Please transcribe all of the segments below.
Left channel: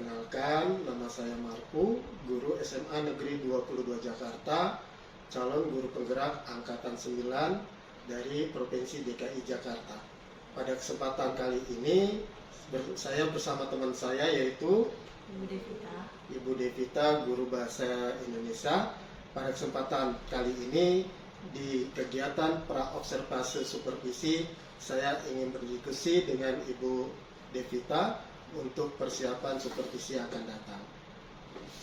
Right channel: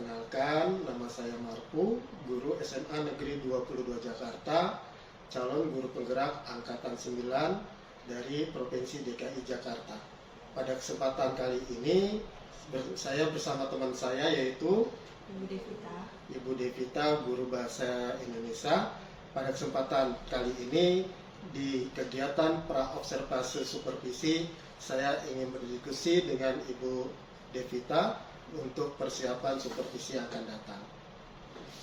Perkenalkan, nama saya Marpu, guru SMA Negeri 22 Jakarta, calon guru penggerak Angkatan 9 dari Provinsi DKI Jakarta. Pada kesempatan kali ini, saya bersama teman saya yaitu Ibu Devita, guru bahasa Indonesia. Pada kesempatan kali ini, di kegiatan pra-observasi supervisi, saya ingin berdiskusi dengan Ibu Devita untuk persiapan supervisi yang akan datang.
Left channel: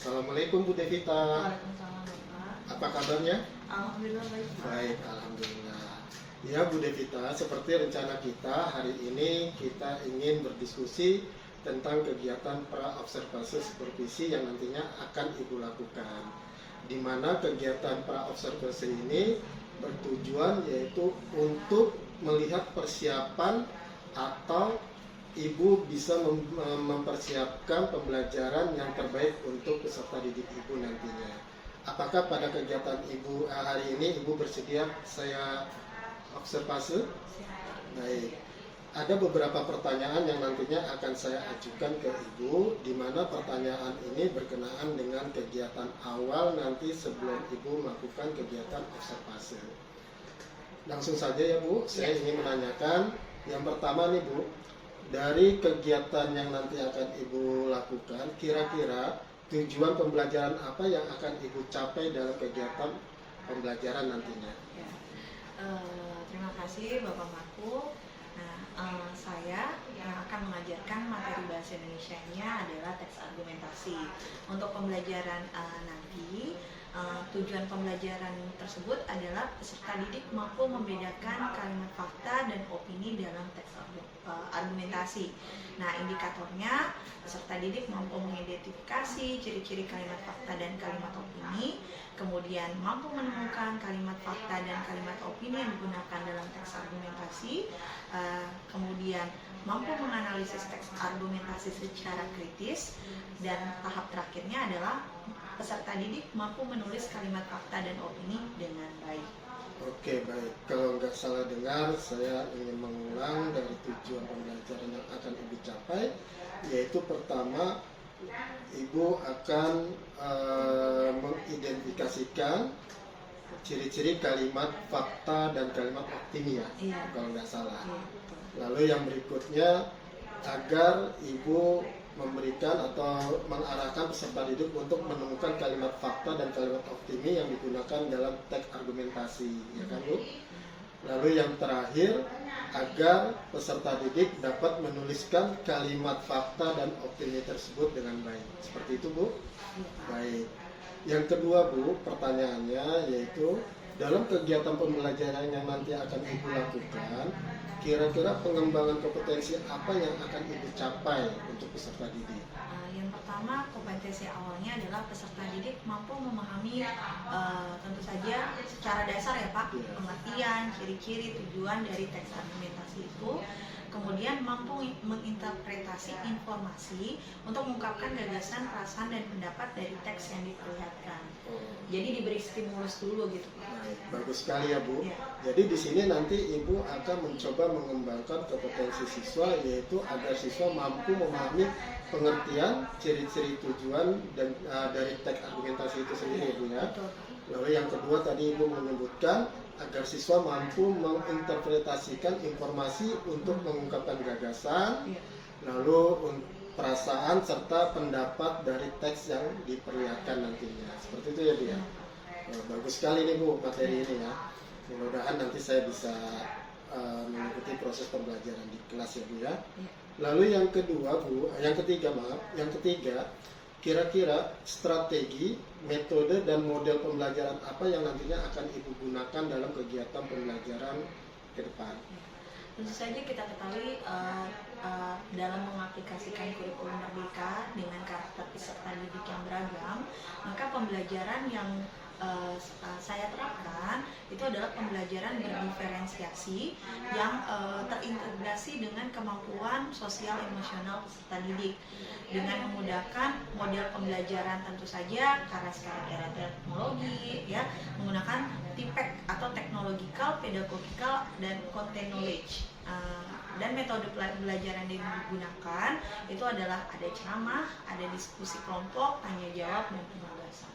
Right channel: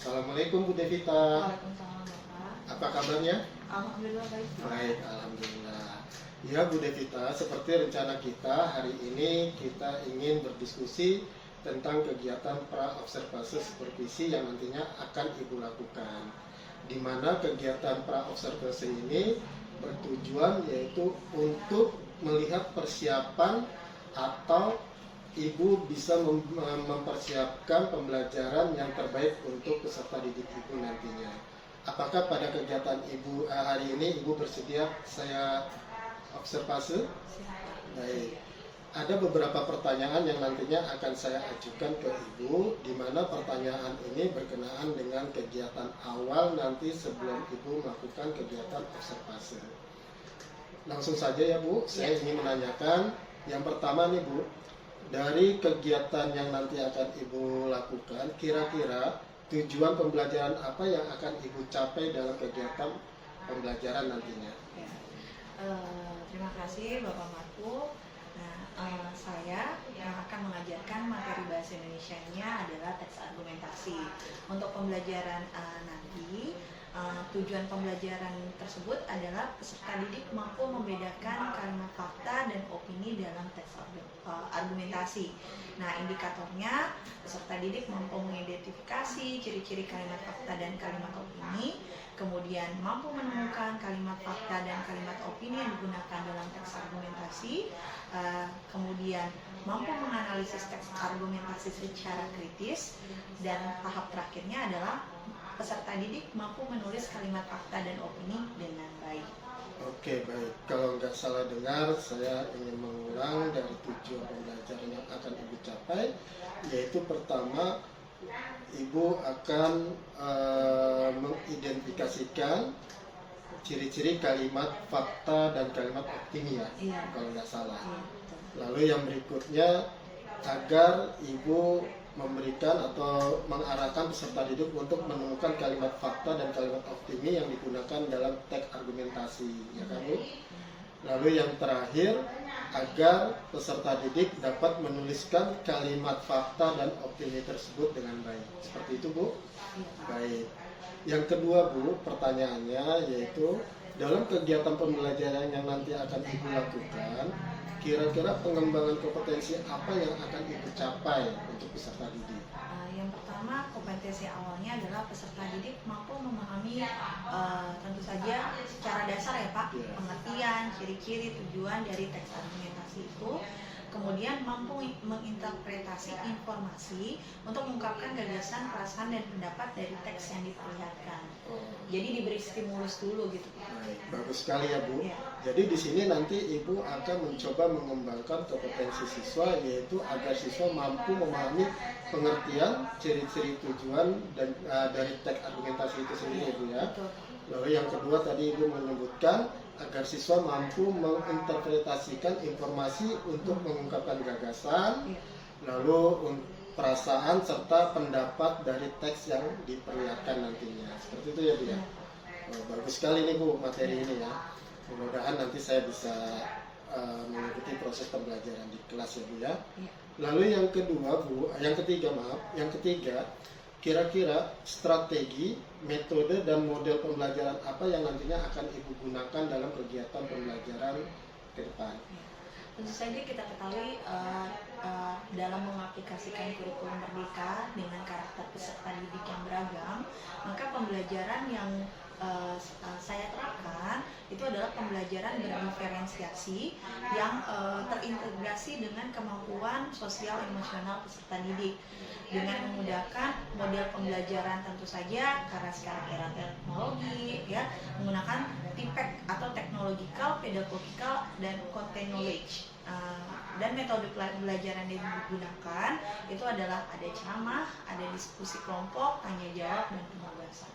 Assalamualaikum Bu Devita. Waalaikumsalam Bapak. Apa kabarnya? Alhamdulillah baik. Baik, alhamdulillah. Ya Bu Devita, seperti rencana kita hari ini kita ingin berdiskusi tentang kegiatan pra-observasi supervisi yang nantinya akan Ibu lakukan. Di mana kegiatan pra-observasi ini bertujuan yaitu untuk melihat persiapan atau Ibu bisa mempersiapkan pembelajaran yang terbaik untuk peserta didik Ibu nantinya. Apakah pada kegiatan Ibu hari ini Ibu bersedia saya observasi? Baik. Ada beberapa pertanyaan yang nantinya akan saya ajukan ke Ibu, di mana pertanyaan ini berkenaan dengan kegiatan awal nanti sebelum Ibu melakukan kegiatan observasi. Langsung saja ya Bu, saya ingin menanyakan yang pertama nih Bu, dari kegiatan yang nanti akan Ibu lakukan, kira-kira tujuan pembelajaran apa yang akan Ibu capai dalam kegiatan pembelajaran nantinya? Ya. Terima kasih Bapak Marku. Nah, saya yang akan mengajarkan materi bahasa Indonesianya adalah teks argumentasi. Untuk pembelajaran nanti, tujuan pembelajaran tersebut adalah peserta didik mampu membedakan kalimat fakta dan opini dalam teks argumentasi. Nah, indikatornya peserta didik mampu mengidentifikasi ciri-ciri kalimat fakta dan kalimat opini, kemudian mampu menemukan kalimat fakta dan kalimat opini yang digunakan dalam teks argumentasi, kemudian mampu menganalisis teks argumentasi secara kritis, dan tahap terakhirnya adalah peserta didik mampu menulis kalimat fakta dan opini dengan baik. Oke, baik. Kalau nggak salah dengar, saya ingin mengulang dari tujuan pembelajaran yang akan Ibu capai, yaitu pertama, Ibu akan mengidentifikasikan ciri-ciri kalimat fakta dan kalimat opini ya, kalau nggak salah. Iya, Lalu yang berikutnya, agar Ibu memberikan atau mengarahkan peserta didik untuk menemukan kalimat fakta dan kalimat opini yang digunakan dalam teks argumentasi, ya kan Bu? Lalu yang terakhir, agar peserta didik dapat menuliskan kalimat fakta dan opini tersebut dengan baik. Seperti itu Bu? Baik. Yang kedua Bu, pertanyaannya yaitu dalam kegiatan pembelajaran yang nanti akan Ibu lakukan, kira-kira pengembangan kompetensi apa yang akan Ibu capai untuk peserta didik? Yang pertama, kompetensi awalnya adalah peserta didik mampu memahami tentu saja secara dasar ya Pak, pengertian, ciri-ciri, tujuan dari teks argumentasi itu. Kemudian mampu menginterpretasi informasi untuk mengungkapkan gagasan, perasaan, dan pendapat dari teks yang diperlihatkan. Jadi diberi stimulus dulu gitu. Baik, bagus sekali ya Bu. Ya. Jadi di sini nanti Ibu akan mencoba mengembangkan kompetensi siswa, yaitu agar siswa mampu memahami pengertian, ciri-ciri, tujuan dan dari teks argumentasi itu sendiri Bu ya. Betul. Lalu yang kedua tadi Ibu menyebutkan agar siswa mampu menginterpretasikan informasi untuk mengungkapkan gagasan, lalu perasaan serta pendapat dari teks yang diperlihatkan nantinya. Seperti itu ya Bu ya. Bagus sekali nih Bu materi ini ya. Mudah-mudahan nanti saya bisa mengikuti proses pembelajaran di kelas ya Bu ya. Lalu yang ketiga, kira-kira strategi, metode, dan model pembelajaran apa yang nantinya akan Ibu gunakan dalam kegiatan pembelajaran ke depan? Tentu saja kita ketahui dalam mengaplikasikan kurikulum Merdeka dengan karakter peserta didik yang beragam, maka pembelajaran yang saya terapkan itu adalah pembelajaran berdiferensiasi yang terintegrasi dengan kemampuan sosial emosional peserta didik dengan memudahkan model pembelajaran tentu saja karena sekarang era teknologi ya menggunakan TPEC atau Technological, Pedagogical, dan Content Knowledge. Dan metode pembelajaran yang digunakan itu adalah ada ceramah, ada diskusi kelompok, tanya jawab, dan penugasan.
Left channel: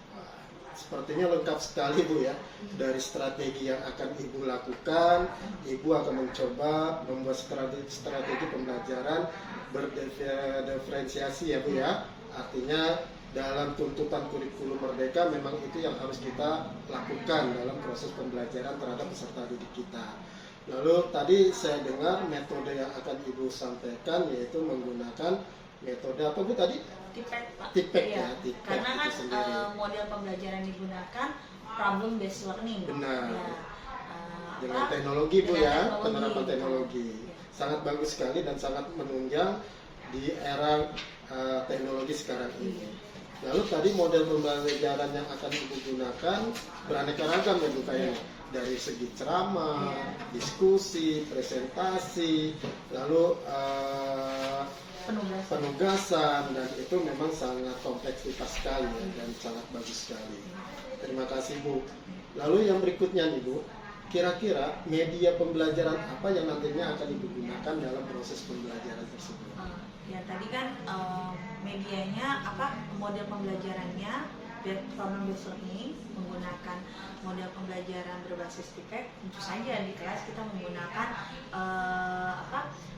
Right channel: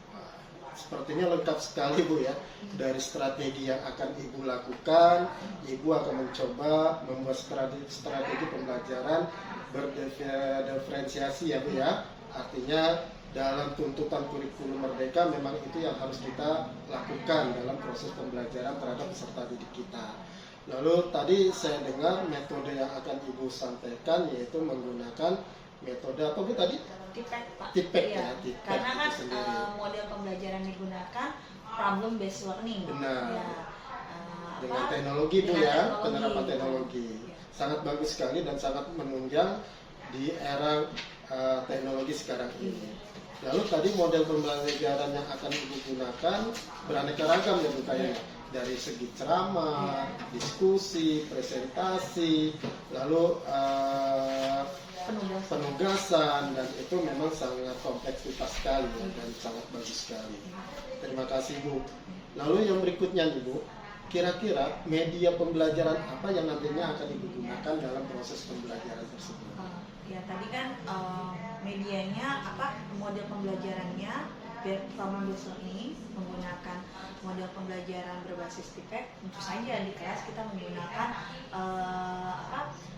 Sepertinya lengkap sekali Bu ya. Dari strategi yang akan Ibu lakukan, Ibu akan mencoba membuat strategi pembelajaran berdiferensiasi ya Bu ya. Artinya dalam tuntutan kurikulum Merdeka memang itu yang harus kita lakukan dalam proses pembelajaran terhadap peserta didik kita. Lalu tadi saya dengar metode yang akan Ibu sampaikan yaitu menggunakan metode apa Bu tadi? TPEC Pak. TPEC ya, TPEC karena kan sendiri. model pembelajaran digunakan problem based learning. Benar. Ya, dengan teknologi Bu dengan ya, teknologi. penerapan teknologi. Ya. Sangat bagus sekali dan sangat menunjang di era teknologi sekarang ini. Lalu tadi model pembelajaran yang akan Ibu gunakan beraneka ragam ya Bu kayaknya. Dari segi ceramah, diskusi, presentasi, lalu penugasan, dan itu memang sangat kompleksitas sekali dan sangat bagus sekali. Terima kasih Bu. Lalu yang berikutnya nih Bu, kira-kira media pembelajaran apa yang nantinya akan Ibu gunakan dalam proses pembelajaran tersebut? Ya tadi kan medianya apa, model pembelajarannya problem based learning, menggunakan model pembelajaran berbasis TPEC. Tentu saja di kelas kita menggunakan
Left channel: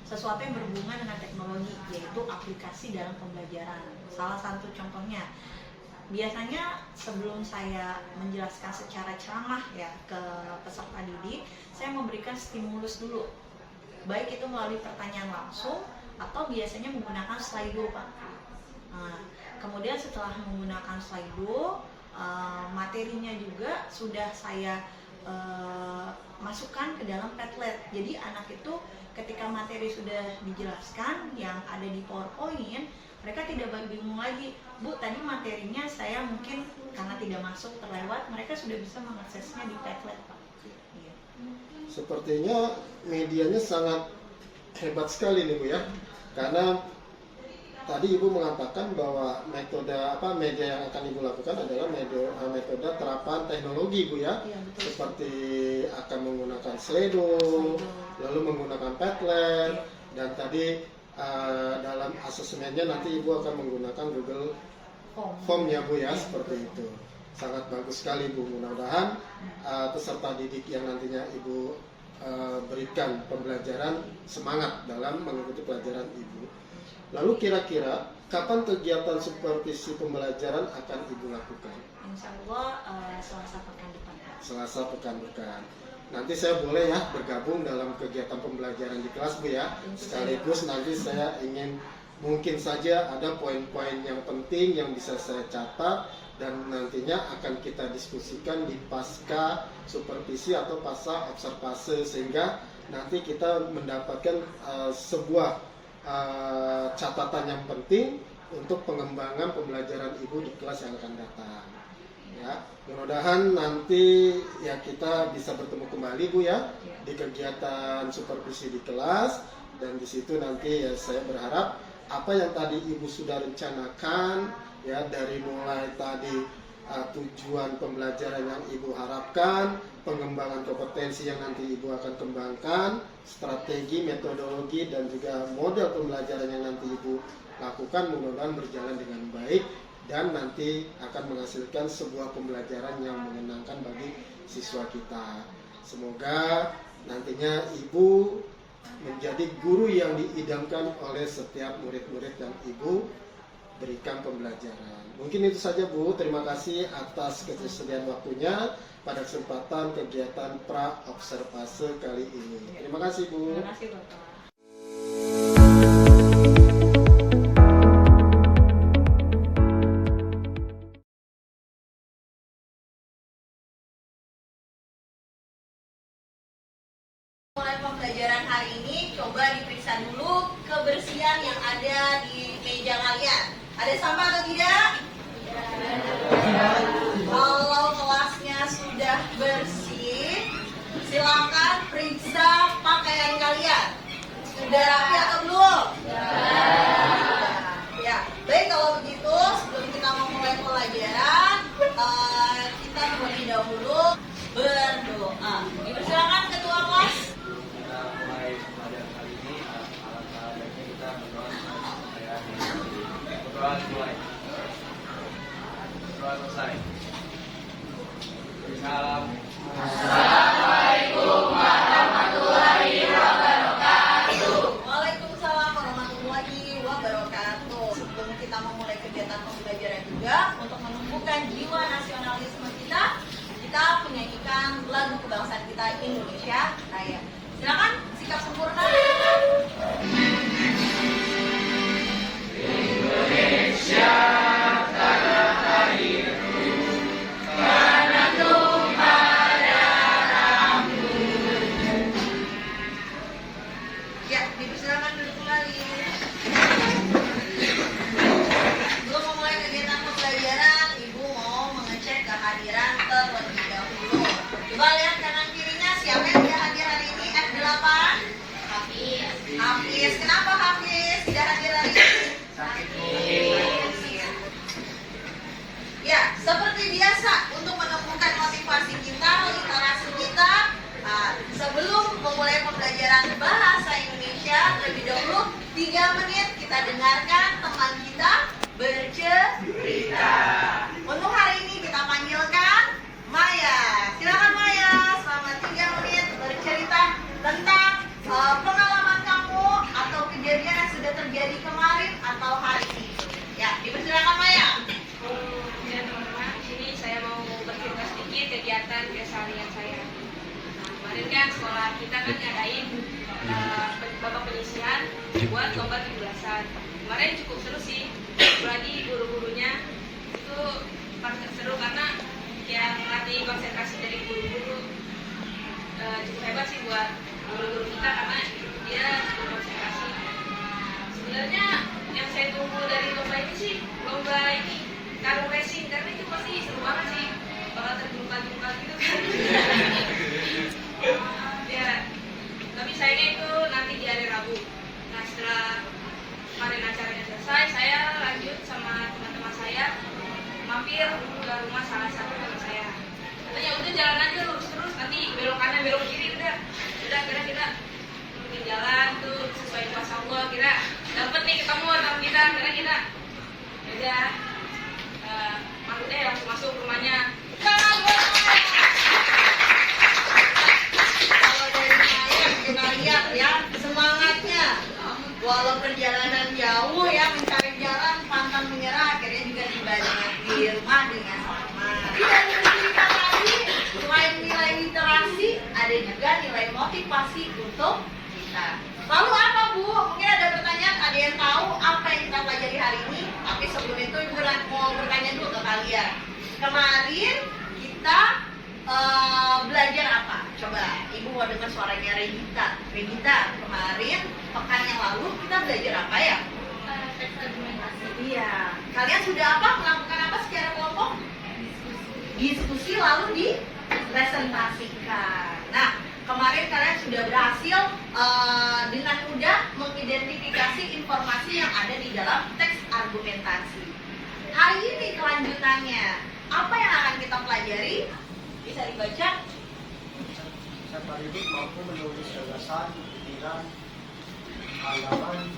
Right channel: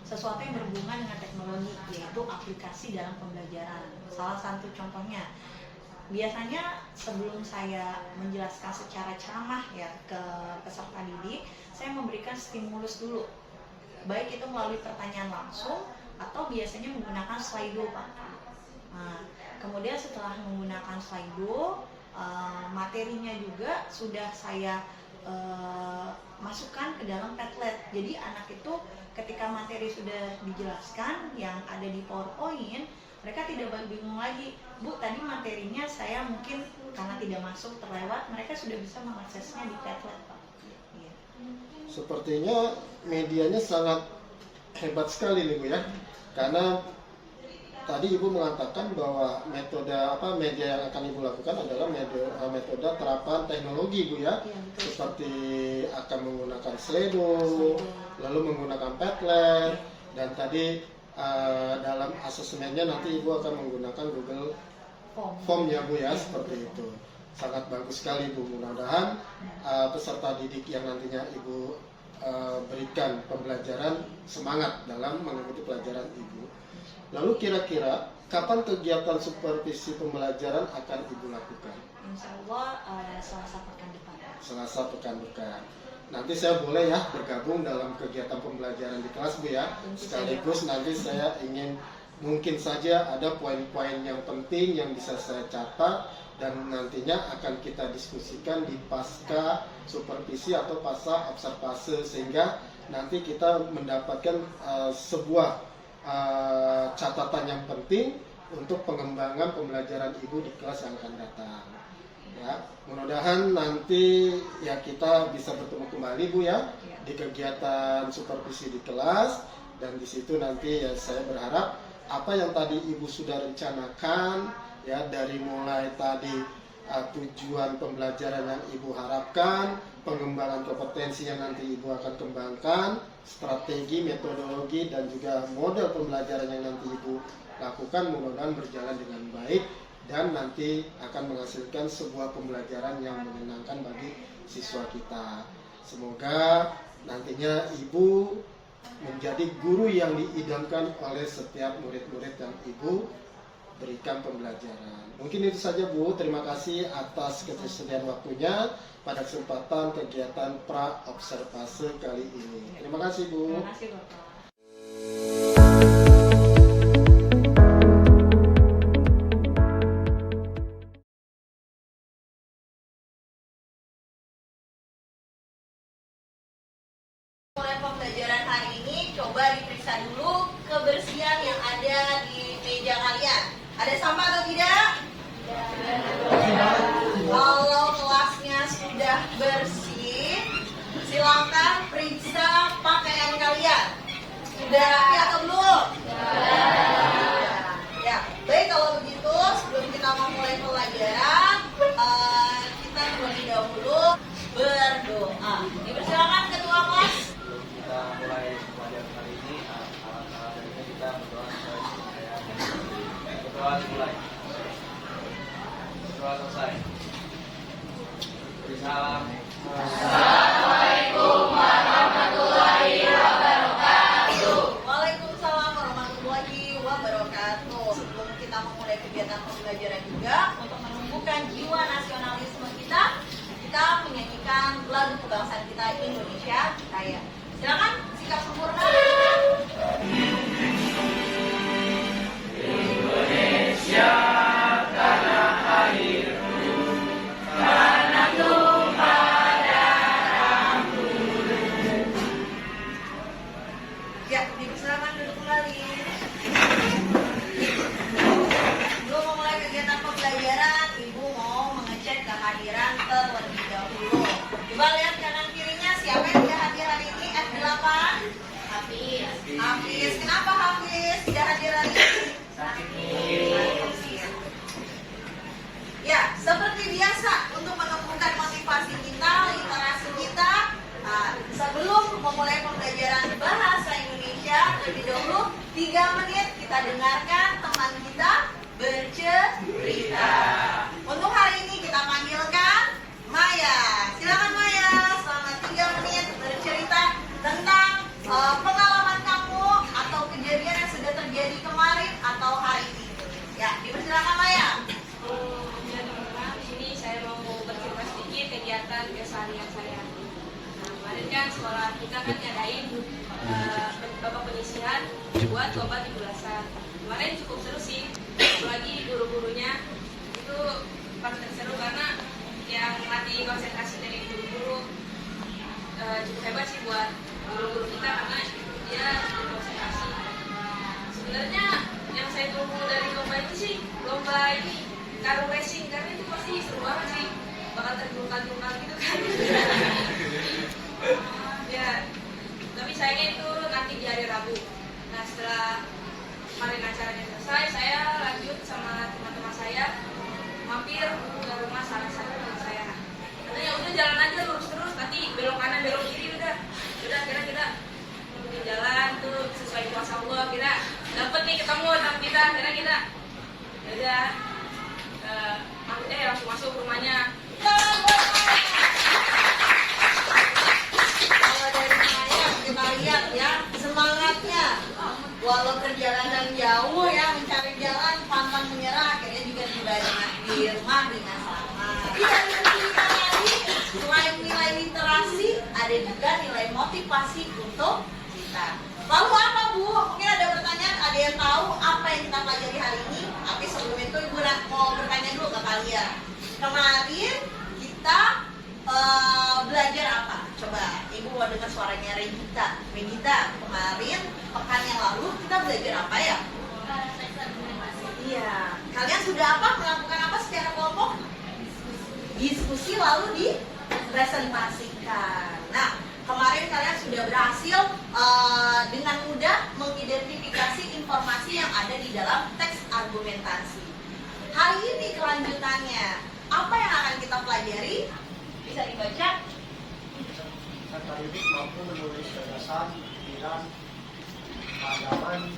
sesuatu yang berhubungan dengan teknologi, yaitu aplikasi dalam pembelajaran. Salah satu contohnya, biasanya sebelum saya menjelaskan secara ceramah ya ke peserta didik, saya memberikan stimulus dulu, baik itu melalui pertanyaan langsung atau biasanya menggunakan Slido Pak. Kemudian setelah menggunakan Slido, materinya juga sudah saya masukkan ke dalam Padlet. Jadi anak itu ketika materi sudah dijelaskan yang ada di PowerPoint, mereka tidak bingung lagi, Bu tadi materinya saya mungkin karena tidak masuk terlewat, mereka sudah bisa mengaksesnya di Padlet Pak. Iya. Sepertinya medianya sangat hebat sekali nih Bu ya, karena tadi Ibu mengatakan bahwa media yang akan Ibu lakukan adalah metode terapan teknologi Bu ya, Iya, betul. seperti akan menggunakan Slido, lalu menggunakan Padlet, dan tadi dalam asesmennya nanti Ibu akan menggunakan Google Form ya Bu ya, seperti itu. Sangat bagus sekali Bu. Mudah-mudahan peserta didik yang nantinya Ibu berikan pembelajaran semangat dalam mengikuti pelajaran Ibu. Lalu kira-kira kapan kegiatan supervisi pembelajaran akan Ibu lakukan? Insya Allah Selasa pekan depan. Selasa pekan depan. Nanti saya boleh ya bergabung dalam kegiatan pembelajaran di kelas Bu ya. Sekaligus nanti saya ingin mungkin saja ada poin-poin yang penting yang bisa saya catat dan nantinya akan kita diskusikan di pasca supervisi atau pasca observase, sehingga nanti kita mendapatkan sebuah catatan yang penting untuk pengembangan pembelajaran Ibu di kelas yang akan datang. Ya, mudah-mudahan nanti ya kita bisa bertemu kembali Bu ya di kegiatan supervisi di kelas, dan di situ nanti ya saya berharap apa yang tadi Ibu sudah rencanakan ya, dari mulai tadi tujuan pembelajaran yang Ibu harapkan, pengembangan kompetensi yang nanti Ibu akan kembangkan, strategi, metodologi, dan juga model pembelajaran yang nanti Ibu lakukan, mudah-mudahan berjalan dengan baik dan nanti akan menghasilkan sebuah pembelajaran yang menyenangkan bagi siswa kita. Semoga nantinya Ibu menjadi guru yang diidamkan oleh setiap murid-murid yang Ibu berikan pembelajaran. Mungkin itu saja Bu, terima kasih atas ketersediaan waktunya pada kesempatan kegiatan pra-observase kali ini. Terima kasih Bu. Terima kasih Bapak. Mulai pembelajaran hari ini, coba diperiksa dulu kebersihan yang ada di meja kalian. Ada sampah atau tidak? Kalau kelas sudah bersih, silakan periksa pakaian kalian. Sudah rapi atau belum? Ya, baik kalau begitu sebelum kita memulai pelajaran, kita terlebih dahulu berdoa. Dipersilakan ketua kelas. Kita mulai pelajaran kali ini, alangkah kita berdoa dimulai. Berdoa selesai. Salam. Assalamualaikum warahmatullahi wabarakatuh. Waalaikumsalam warahmatullahi wabarakatuh. Sebelum kita memulai kegiatan pembelajaran juga, untuk menumbuhkan jiwa nasionalisme kita menyanyikan lagu kebangsaan kita Indonesia Raya. Silakan sikap sempurna. Indonesia tanah airku, tanah tumpah darahmu. Ya, dipersilakan duduk kembali. Sebelum memulai kegiatan pembelajaran, Ibu mau mengecek kehadiran terlebih dahulu. Coba lihat kanan kirinya, siapa yang tidak hadir hari ini? F8. Hafiz. Kenapa Hafiz tidak hadir hari ini? Ya, seperti biasa untuk menumbuhkan motivasi kita, literasi kita, sebelum memulai pembelajaran bahasa Indonesia, terlebih dahulu 3 menit kita dengarkan teman kita bercerita. Untuk hari ini kita panggilkan Maya. Silakan Maya, selama 3 menit bercerita tentang pengalaman kamu atau kejadian yang sudah terjadi kemarin atau hari ini. Ya, dipersilakan Maya. Ya teman-teman, di sini saya mau bercerita sedikit kegiatan keseharian saya. Nah, kemarin kan sekolah kita kan ngadain babak penyisihan buat lomba 17-an. Kemarin cukup seru sih, apalagi guru-gurunya itu pasti seru karena yang latih konsentrasi dari guru-guru cukup hebat sih buat guru-guru kita karena dia cukup konsentrasi. Sebenarnya yang saya tunggu dari lomba ini sih lomba ini karung racing, karena itu pasti seru banget sih, bakal terjungkal-jungkal gitu kan. Ya, tapi sayangnya itu nanti di hari Rabu. Nah, setelah kemarin acaranya selesai, saya lanjut sama teman-teman saya mampir ke rumah salah satu teman saya. Katanya udah jalan aja lurus terus, nanti belok kanan belok kiri udah kira-kira mungkin jalan tuh sesuai kuasa Allah, kira dapet nih ketemu teman kita, kira-kira udah langsung masuk rumahnya. Kalau dari saya kita lihat ya semangatnya, walau perjalanan jauh ya mencari jalan pantang menyerah, akhirnya juga tiba di rumah dengan selamat. Dari cerita tadi, selain nilai literasi, ada juga nilai motivasi untuk kita. Lalu apa Bu? Mungkin ada pertanyaan, ada yang tahu apa yang kita pelajari hari ini? Tapi sebelum itu Ibu mau bertanya dulu ke kalian. Kemarin kita belajar apa? Coba Ibu mau dengar suaranya Regita. Regita, kemarin pekan yang lalu kita belajar apa ya? Teks argumentasi. Iya. Kalian sudah apa? Melakukan apa secara kelompok? Diskusi lalu dipresentasikan. Nah, kemarin kalian sudah berhasil dengan mudah mengidentifikasi informasi yang ada di dalam teks argumentasi. Hari ini kelanjutannya, apa yang akan kita pelajari? Bisa dibaca? Kata didik mampu menulis gagasan, pikiran, pengalaman,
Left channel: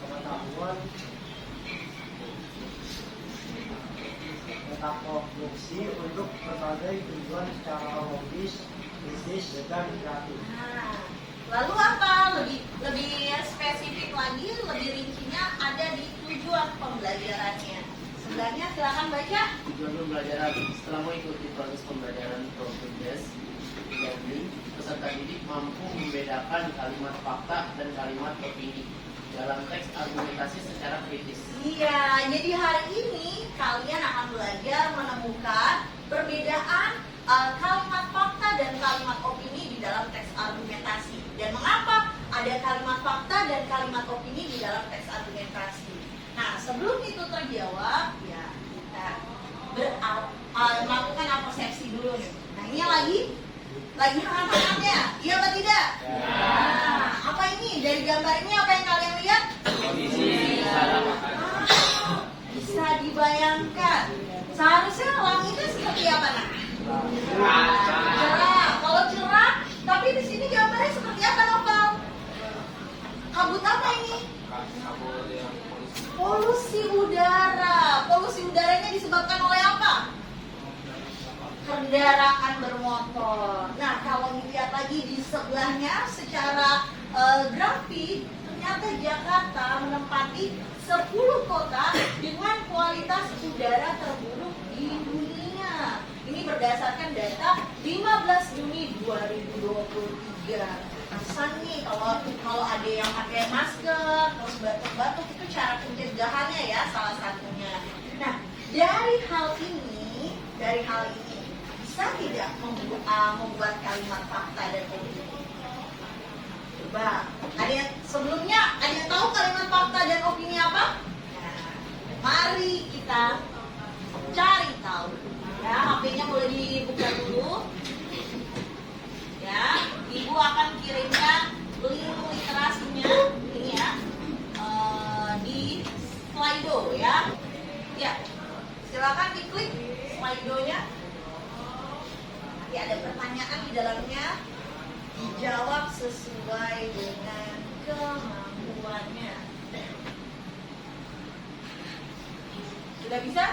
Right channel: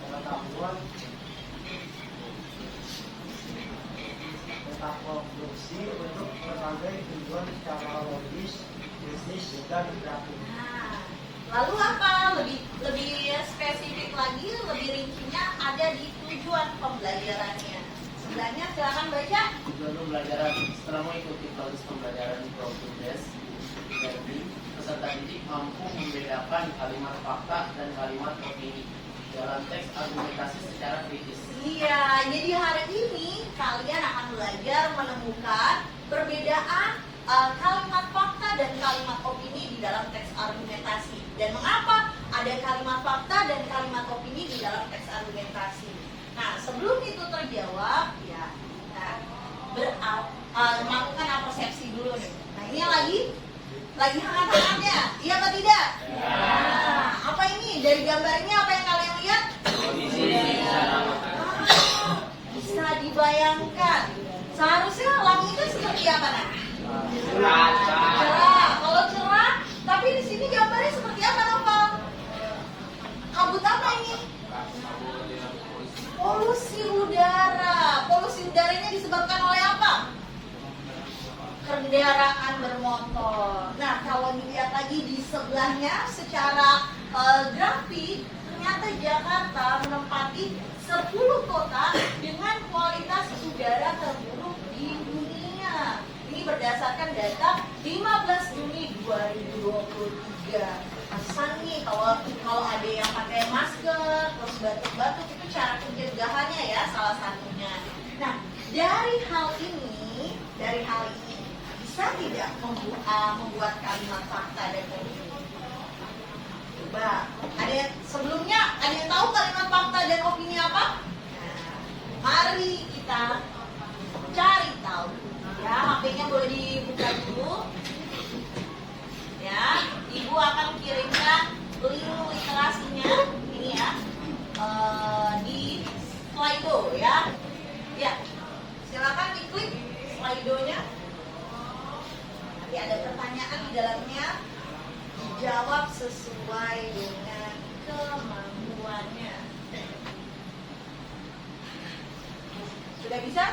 pengetahuan, tentang konstruksi untuk berbagai tujuan secara logis, bisnis, dan kreatif. Nah, lalu apa? Lebih spesifik lagi, lebih rincinya ada di tujuan pembelajarannya. Sebenarnya silakan baca. Tujuan pembelajaran setelah mengikuti proses pembelajaran progres learning, peserta didik mampu membedakan kalimat fakta dan kalimat opini dalam teks argumentasi secara kritis. Iya, jadi hari ini kalian akan belajar menemukan perbedaan kalimat fakta dan kalimat opini di dalam teks argumentasi. Dan mengapa ada kalimat fakta dan kalimat opini di dalam teks argumentasi? Nah, sebelum itu terjawab, ya kita melakukan persepsi dulu nih. Nah, Nah, ini lagi hangat-hangatnya, iya apa tidak? Nah, apa ini? Dari gambarnya apa yang kalian lihat? Bisa dibayangkan. Seharusnya langitnya seperti apa, Nak? Cerah. Kalau cerah, tapi di sini gambarnya seperti apa, Novel? Kabut apa ini? Polusi udara. Polusi udaranya disebabkan oleh apa? Kendaraan bermotor. Nah, kalau dilihat lagi di sebelahnya secara grafik, ternyata Jakarta menempati 10 kota dengan kualitas udara terburuk di dunia. Ini berdasarkan data 15 Juni 2023. Pesan nih kalau ada yang pakai masker terus batuk-batuk, itu cara pencegahannya ya, salah satunya. Nah, dari hal ini bisa tidak membuat kalimat fakta dan opini? Coba, ada yang sebelumnya ada yang tahu kalimat fakta dan opini apa? Nah, mari kita cari tahu. Ya, HP-nya boleh dibuka dulu. Ya, Ibu akan kirimkan link literasinya ini ya di Slido ya. Ya, silakan diklik Slido-nya. Nanti ada pertanyaan di dalamnya, dijawab sesuai dengan kemampuannya. Sudah bisa?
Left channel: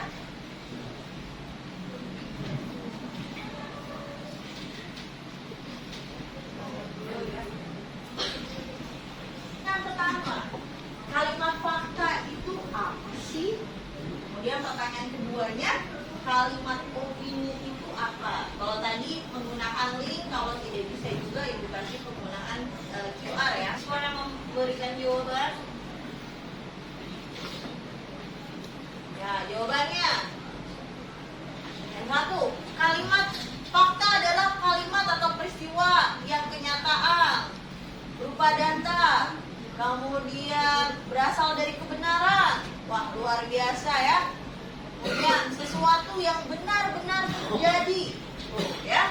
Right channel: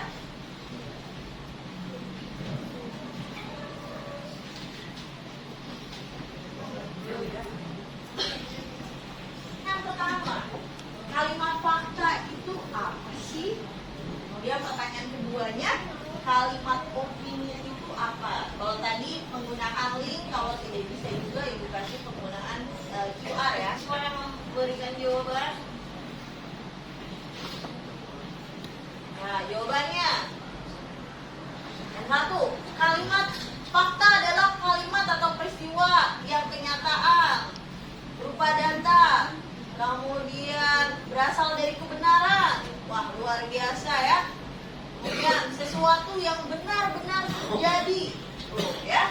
Yang pertama, kalimat fakta itu apa sih? Kemudian pertanyaan keduanya, kalimat opini itu apa? Kalau tadi menggunakan link, kalau tidak bisa juga Ibu kasih penggunaan QR ya. Siapa yang memberikan jawaban? Ya, jawabannya yang satu, kalimat fakta adalah kalimat atau peristiwa yang kenyataan berupa data, kemudian berasal dari kebenaran. Wah, luar biasa ya. Kemudian sesuatu yang benar-benar terjadi, ya.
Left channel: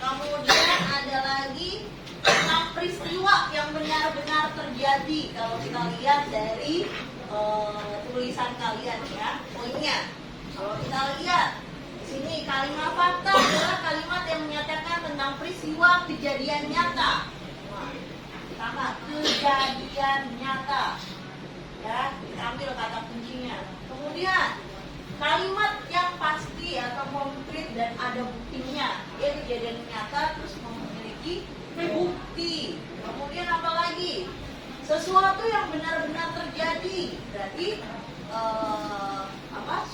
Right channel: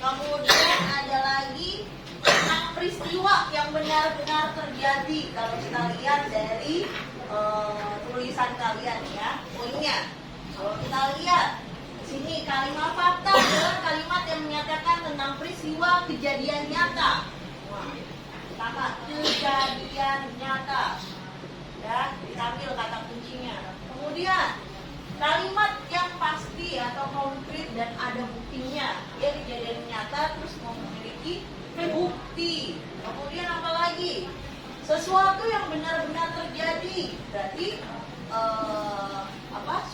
Kemudian ada lagi tentang peristiwa yang benar-benar terjadi. Kalau kita lihat dari tulisan kalian ya, poinnya. Kalau kita lihat di sini, kalimat fakta adalah kalimat yang menyatakan tentang peristiwa kejadian nyata. Wah, pertama, kejadian nyata. Ya, diambil kata kuncinya. Kemudian kalimat yang pasti atau konkret dan ada buktinya. Dia kejadian nyata terus memiliki bukti. Kemudian apa lagi? Sesuatu yang benar-benar terjadi. Berarti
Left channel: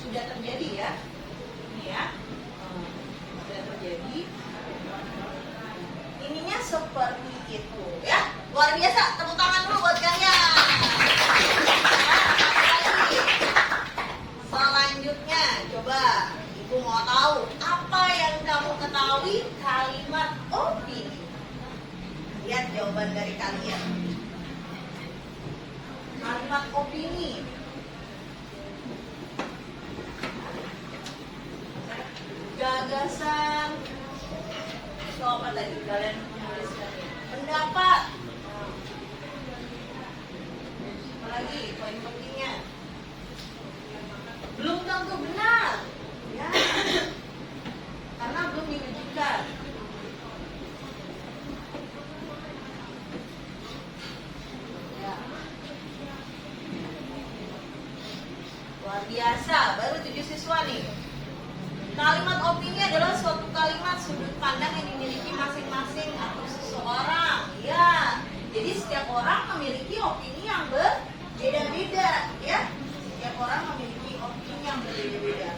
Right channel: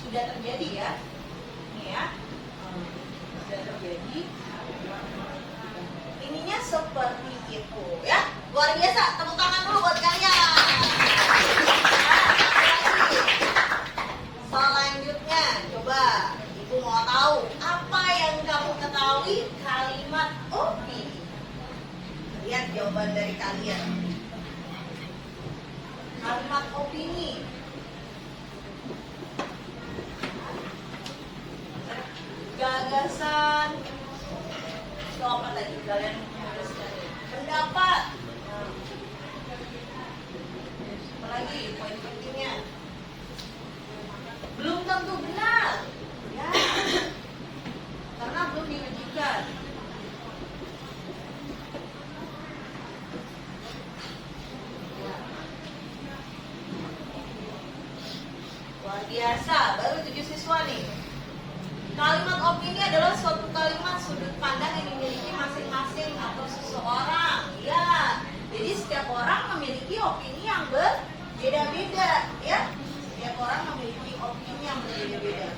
sudah terjadi ya. Ini ya. Sudah terjadi. Ininya seperti itu ya. Luar biasa. Tepuk tangan dulu buat kalian. Selanjutnya, coba Ibu mau tahu apa yang kamu ketahui kalimat opini. Lihat jawaban dari kalian. Kalimat opini. Gagasan. Itu apa tadi kalian menuliskan? Pendapat. Apalagi poin pentingnya. Belum tentu benar, ya, karena belum diwujudkan. Ya. Luar biasa, baru 7 siswa nih. Kalimat opini adalah suatu kalimat sudut pandang yang dimiliki masing-masing atau seseorang. Ya, jadi setiap orang memiliki opini yang berbeda-beda, ya. Setiap orang memiliki opini yang berbeda-beda.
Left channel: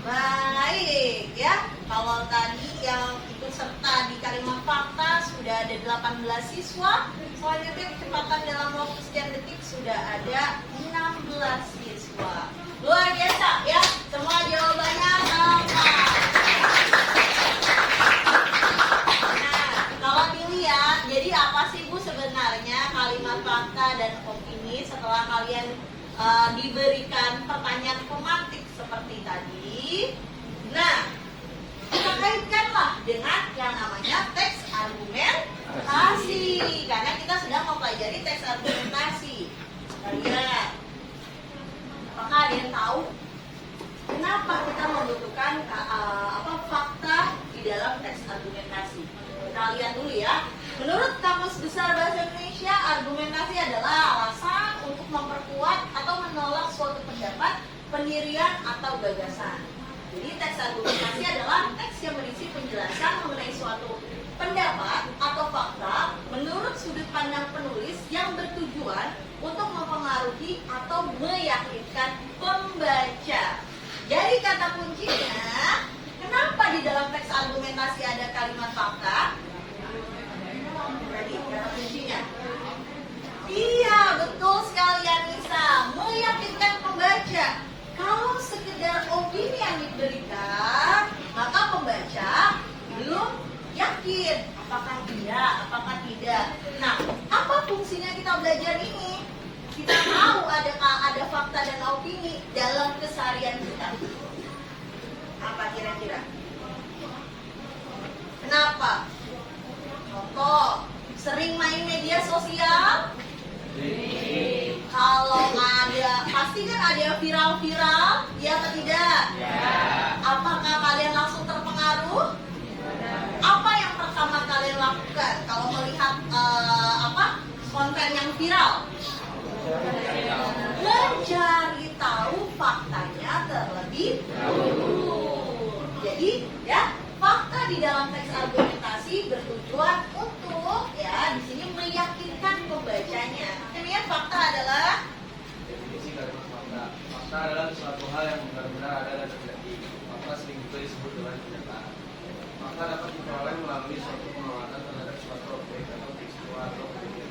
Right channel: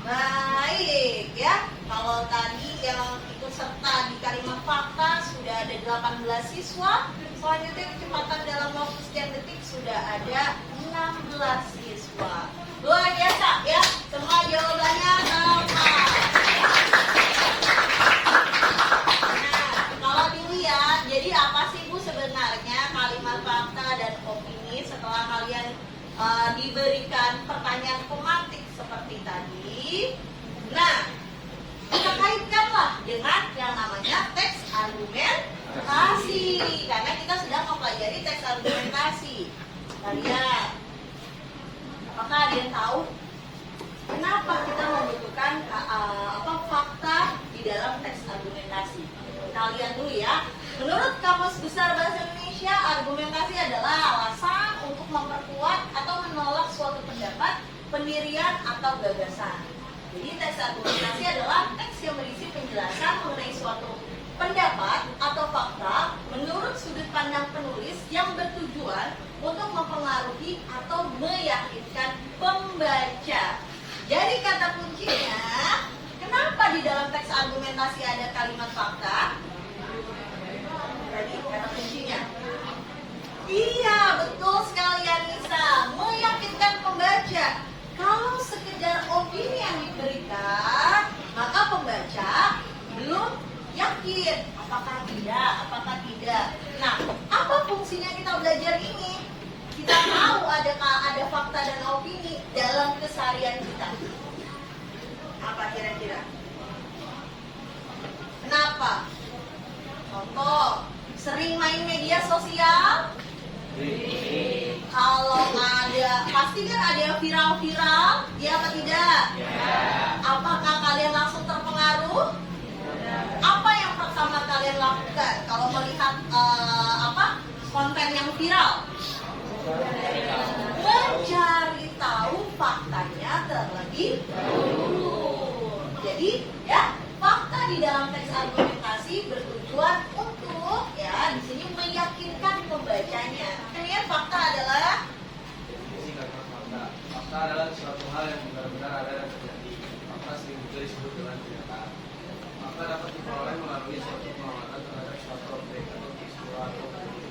Baik ya, kalau tadi yang ikut serta di kalimat fakta sudah ada 18 siswa. Selanjutnya kecepatan dalam waktu sekian detik sudah ada 16 siswa. Luar biasa ya, semua jawabannya tepat. Nah, kalau dilihat opini setelah kalian diberikan pertanyaan pematik seperti tadi. Nah, kita kaitkanlah dengan yang namanya teks argumentasi, karena kita sedang mempelajari teks argumentasi. Kalian, apakah ada yang tahu kenapa kita membutuhkan fakta di dalam teks argumentasi? Kita lihat dulu ya. Menurut Kamus Besar Bahasa Indonesia, argumentasi adalah alasan untuk memperkuat atau menolak suatu pendapat, pendirian, atau gagasan. Jadi teks argumentasi adalah teks yang berisi penjelasan mengenai suatu pendapat atau fakta menurut sudut pandang penulis yang bertujuan untuk mempengaruhi atau meyakinkan pembaca. Jadi kata kuncinya, kenapa di dalam teks argumentasi ada kalimat fakta? Jadi kata kuncinya, iya betul sekali Anissa, meyakinkan pembaca. Kalau sekedar opini yang diberikan, maka pembaca belum yakin apakah tidak. Nah, apa fungsinya kita belajar ini? Kita tahu ada fakta dan opini dalam keseharian kita. Apa kira-kira? Kenapa? Contoh, sering main media sosial? Kalau ada, pasti kan ada yang viral-viral, ya apa tidak? Ya. Apakah kalian langsung terpengaruh? Apa yang pertama kalian lakukan kalau melihat konten yang viral? Mencari tahu faktanya terlebih dahulu. Jadi ya, fakta di dalam teks argumentasi bertujuan untuk di sini meyakinkan pembacanya. Kemudian fakta adalah definisi kalimat fakta. Fakta adalah suatu hal yang benar-benar ada dan terjadi. Fakta sering juga disebut dengan kenyataan. Fakta dapat diperoleh melalui suatu pengamatan terhadap suatu objek atau peristiwa atau kejadian.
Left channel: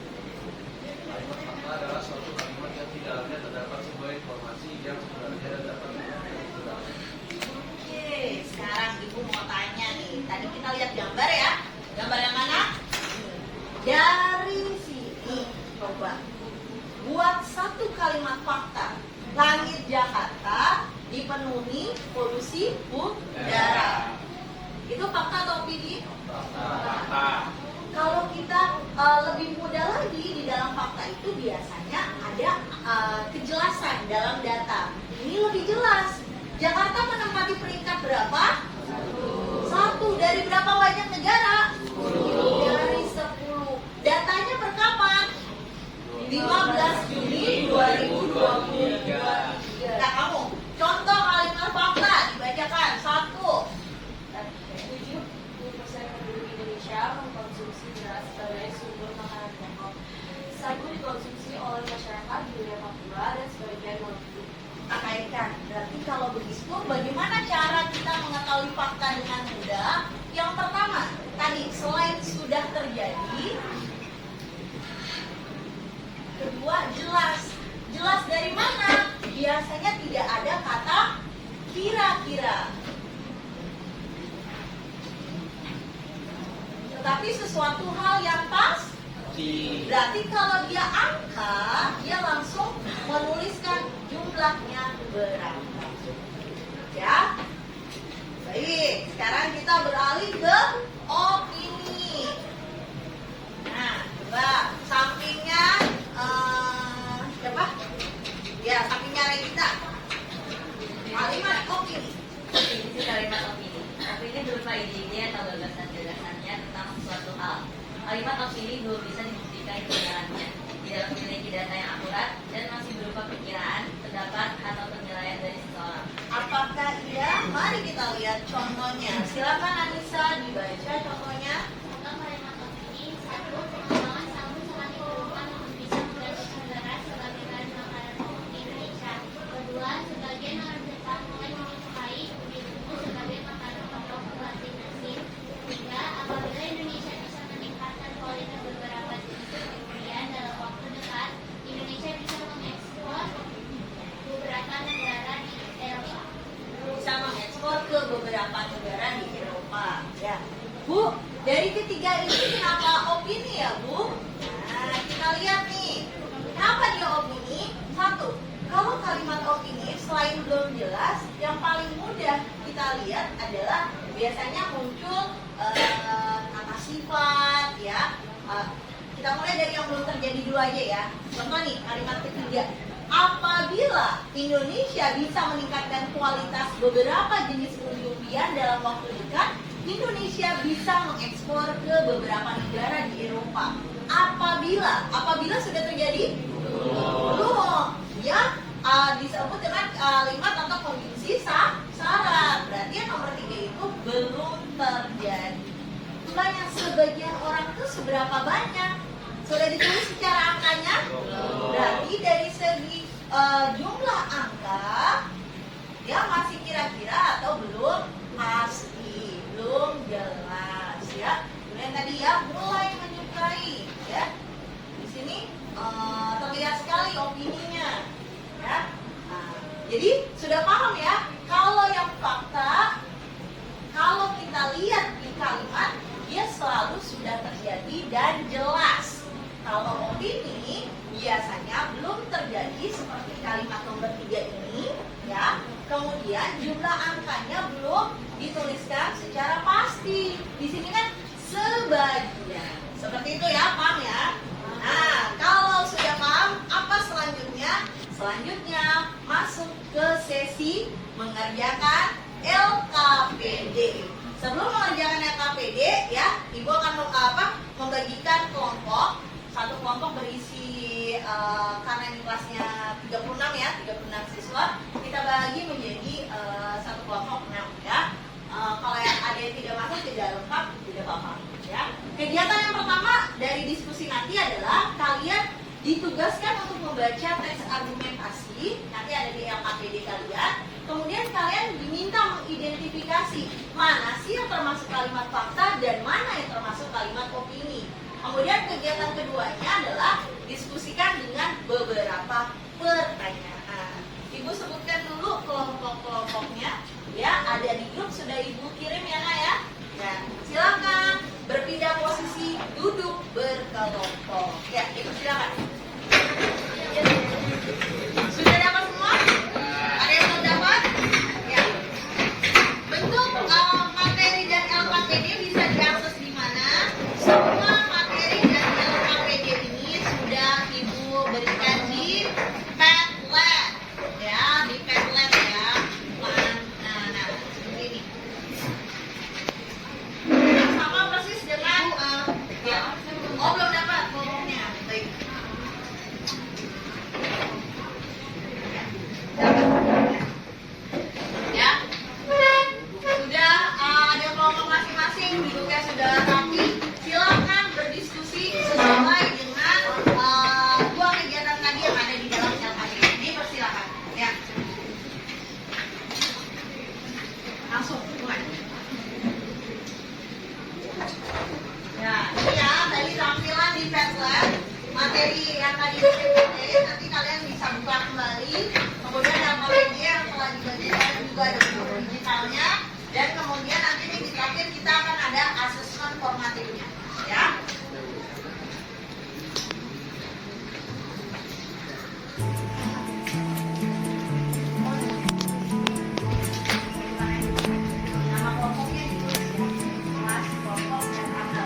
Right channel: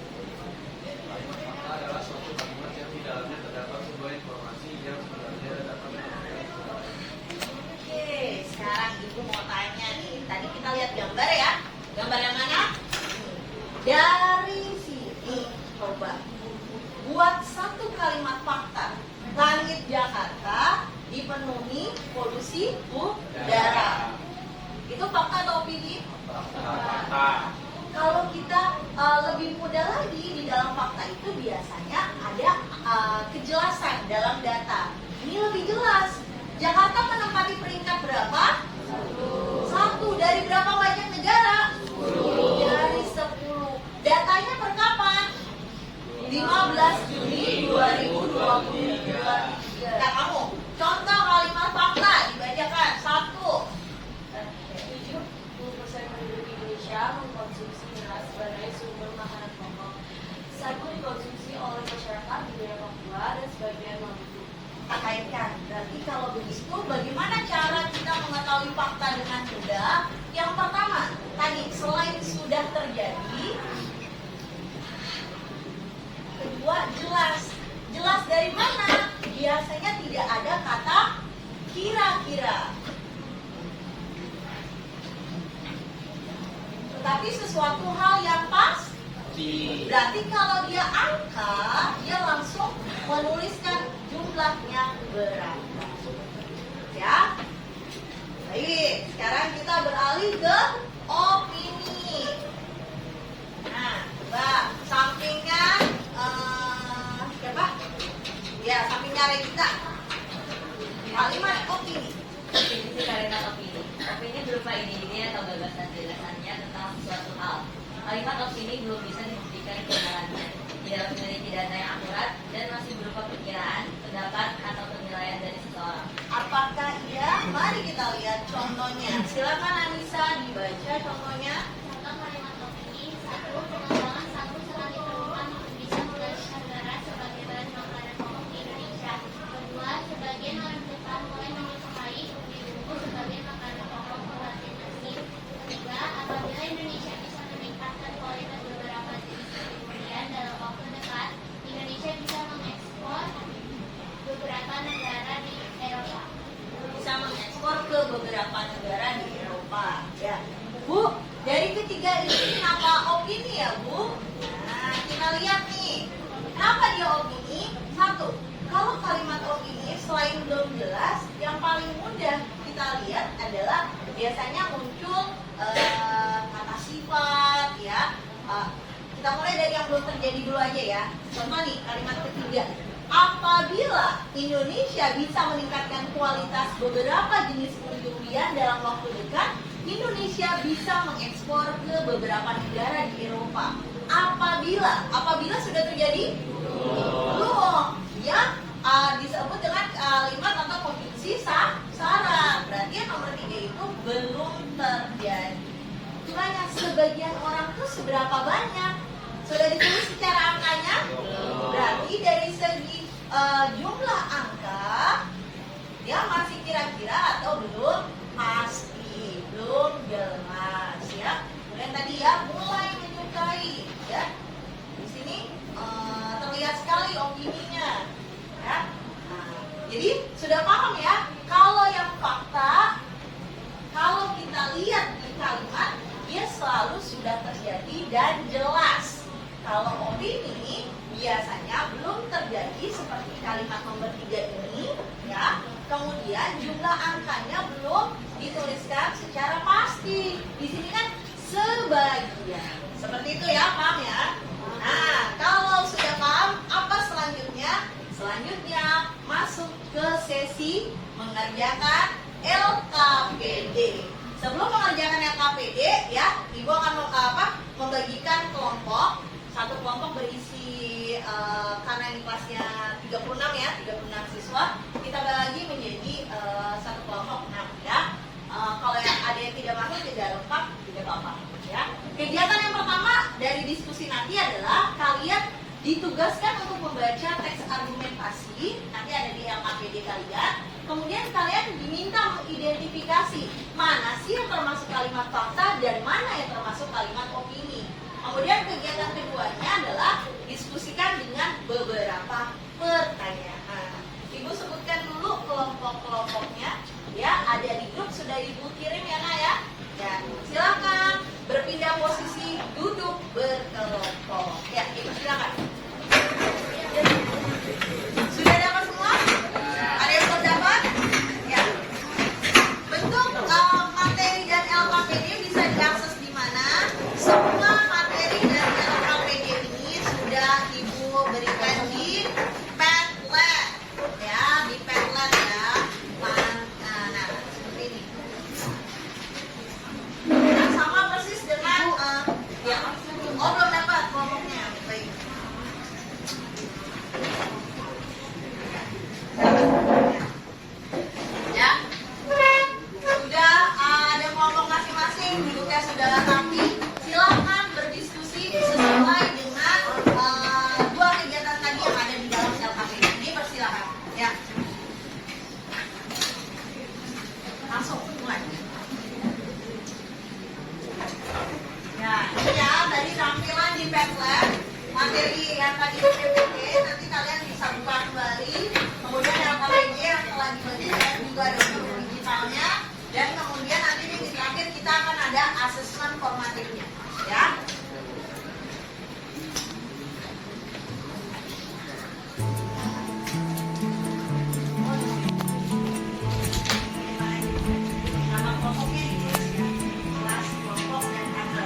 Kalimat fakta adalah suatu kalimat yang di dalamnya terdapat sebuah informasi yang sebenarnya dapat diperoleh di dalamnya. Oke, sekarang Ibu mau tanya nih. Tadi kita lihat gambar ya. Gambar yang mana? Dari sini, coba buat satu kalimat fakta. Langit Jakarta dipenuhi polusi udara. Itu fakta atau opini? Fakta. Kalau kita lebih mudah lagi, di dalam fakta itu biasanya ada kejelasan dalam data. Ini lebih jelas. Jakarta menempati peringkat berapa? Satu. Dari berapa banyak negara? 10. Dari 10. Datanya berkapan? 15 Juni 2023. Nah, kamu contoh kalimat fakta dibacakan. 1. 70% penduduk Indonesia mengkonsumsi beras sebagai sumber makanan pokok. Sagu dikonsumsi oleh masyarakat di wilayah Papua dan sebagian Maluku. Tak kaitkan. Berarti kalau begitu, bagaimana cara kita mengetahui fakta dengan mudah? Yang pertama, tadi selain sudah terjadi, kedua jelas. Jelas dari mana? Biasanya tidak ada kata kira-kira. Tetapi sesuatu hal yang pasti. Berarti kalau dia angka, dia langsung menuliskan jumlahnya berapa. Ya. Baik, sekarang kita beralih ke opini. Nah, coba sampingnya siapa? Ya, sampingnya Revita. Kalimat opini. Definisi kalimat opini. Opini berupa ide-ide atau gagasan-gagasannya tentang suatu hal. Kalimat opini belum bisa dibuktikan kebenarannya, tidak memiliki data yang akurat, dan masih berupa perkiraan, pendapat, atau penilaian dari seseorang. Apakah iya? Mari kita lihat contohnya. Silakan Anissa dibaca contohnya. Contoh kalimat opini. 1. Pengembangan sabun selanjut berperan untuk bisa menggantikan beras sebagai bahan makanan pokok di Indonesia. 2. Sebagian orang Jepang mulai menyukai kulit bumbu sebagai makanan pokok pengganti nasi. 3. Apabila Indonesia bisa meningkatkan kualitas beberapa jenis durian dalam waktu dekat, Indonesia bisa mengekspor beberapa negara di Eropa. Bisa mengekspor ke beberapa negara di Eropa. Ya, Bu, dari ketiga ini kenapa opini ya, Bu? Nah, kita lihat nih. Kenapa jadi dulu aja ya. Contoh nih, kalimat ketiga. Apabila Indonesia bisa meningkatkan kualitas beberapa jenis umbi-umbian dalam waktu dekat, Indonesia bisa mengekspor ke beberapa negara di Eropa. Apabila sudah terjadi? Belum. Ya, disebut dengan kalimat atau kondisi syarat. Berarti yang nomor 3 itu belum terjadi. Tanya sebagian orang tuh seberapa banyak? Sudah ditulis secara angkanya? Berarti dari segi jumlah angka ya masih kira-kira atau belum pasti, belum jelas ya. Kemudian tadi ya mulai menyukai ya. Di sini terlihat sekali opininya ya. Nah, jadi sudah paham ya kalau yang fakta, kalau kita lihat di kalimat dia selalu sudah terjadi dan jelas. Kalau opini biasanya belum terjadi seperti kalimat nomor 3 ini ya. Kemudian jumlah angkanya belum dituliskan secara pasti. Di sini kan sebagian. Seperti itu ya, paham ya? Nah, kalau sudah paham, apa selanjutnya? Selanjutnya masuk ke sesi mengerjakan LKPD. Sebelum mengerjakan LKPD ya, Ibu akan membagikan kelompok. Satu kelompok berisi karena ini kelasnya 36 ya, 36 siswa, kita bagi menjadi satu kelompok ya. Kalau yang ada yang tidak masuk tidak lengkap tidak apa-apa ya. Kegiatan yang pertama dari diskusi nanti adalah kalian ditugaskan untuk membaca teks argumentasi, nanti ada di LKPD kalian. Kemudian kalian diminta mengidentifikasi mana sih yang termasuk kalimat fakta dan mana yang termasuk kalimat opini. Kemudian kegiatan keduanya adalah diskusikan dengan beberapa pertanyaan. Ibu sebutkan dulu kelompok-kelompoknya ya, ada di grup sudah Ibu kirim ya Nak ya. Ya, silakan berpindah posisi duduk berkelompok. Ya, Ibu silakan. Sudah dapat semua? Ada yang belum dapat? Ya. Bentuk materi dan LKPD bisa diakses di mana? Semua materi dan LKPD ini sudah Ibu berikan di Padlet ya, di Padlet ya. Nah, seperti ini. Nah, sama persis dengan ya. Oh, belum dapat kelompoknya. Baik. Ya. Sudah ada kelompok masing-masing, duduknya sudah rapi. Silakan berdiskusi sesuai dengan dua kegiatan tadi yang ada di dalam LKPD. Dipersilakan. Ya. Langsung mulai. Ya, ini ya tadi tampilan di Padlet materi yang tadi di PPT, nanti kalian bisa buka kembali. Kemudian LKPD yang telah dibagikan juga ada buku digitalnya, dan kemudian nanti di terakhir kita akan ada asesmen formatifnya ya. Nama kelompoknya ditulis ya, kelas, kelompok, dan angka.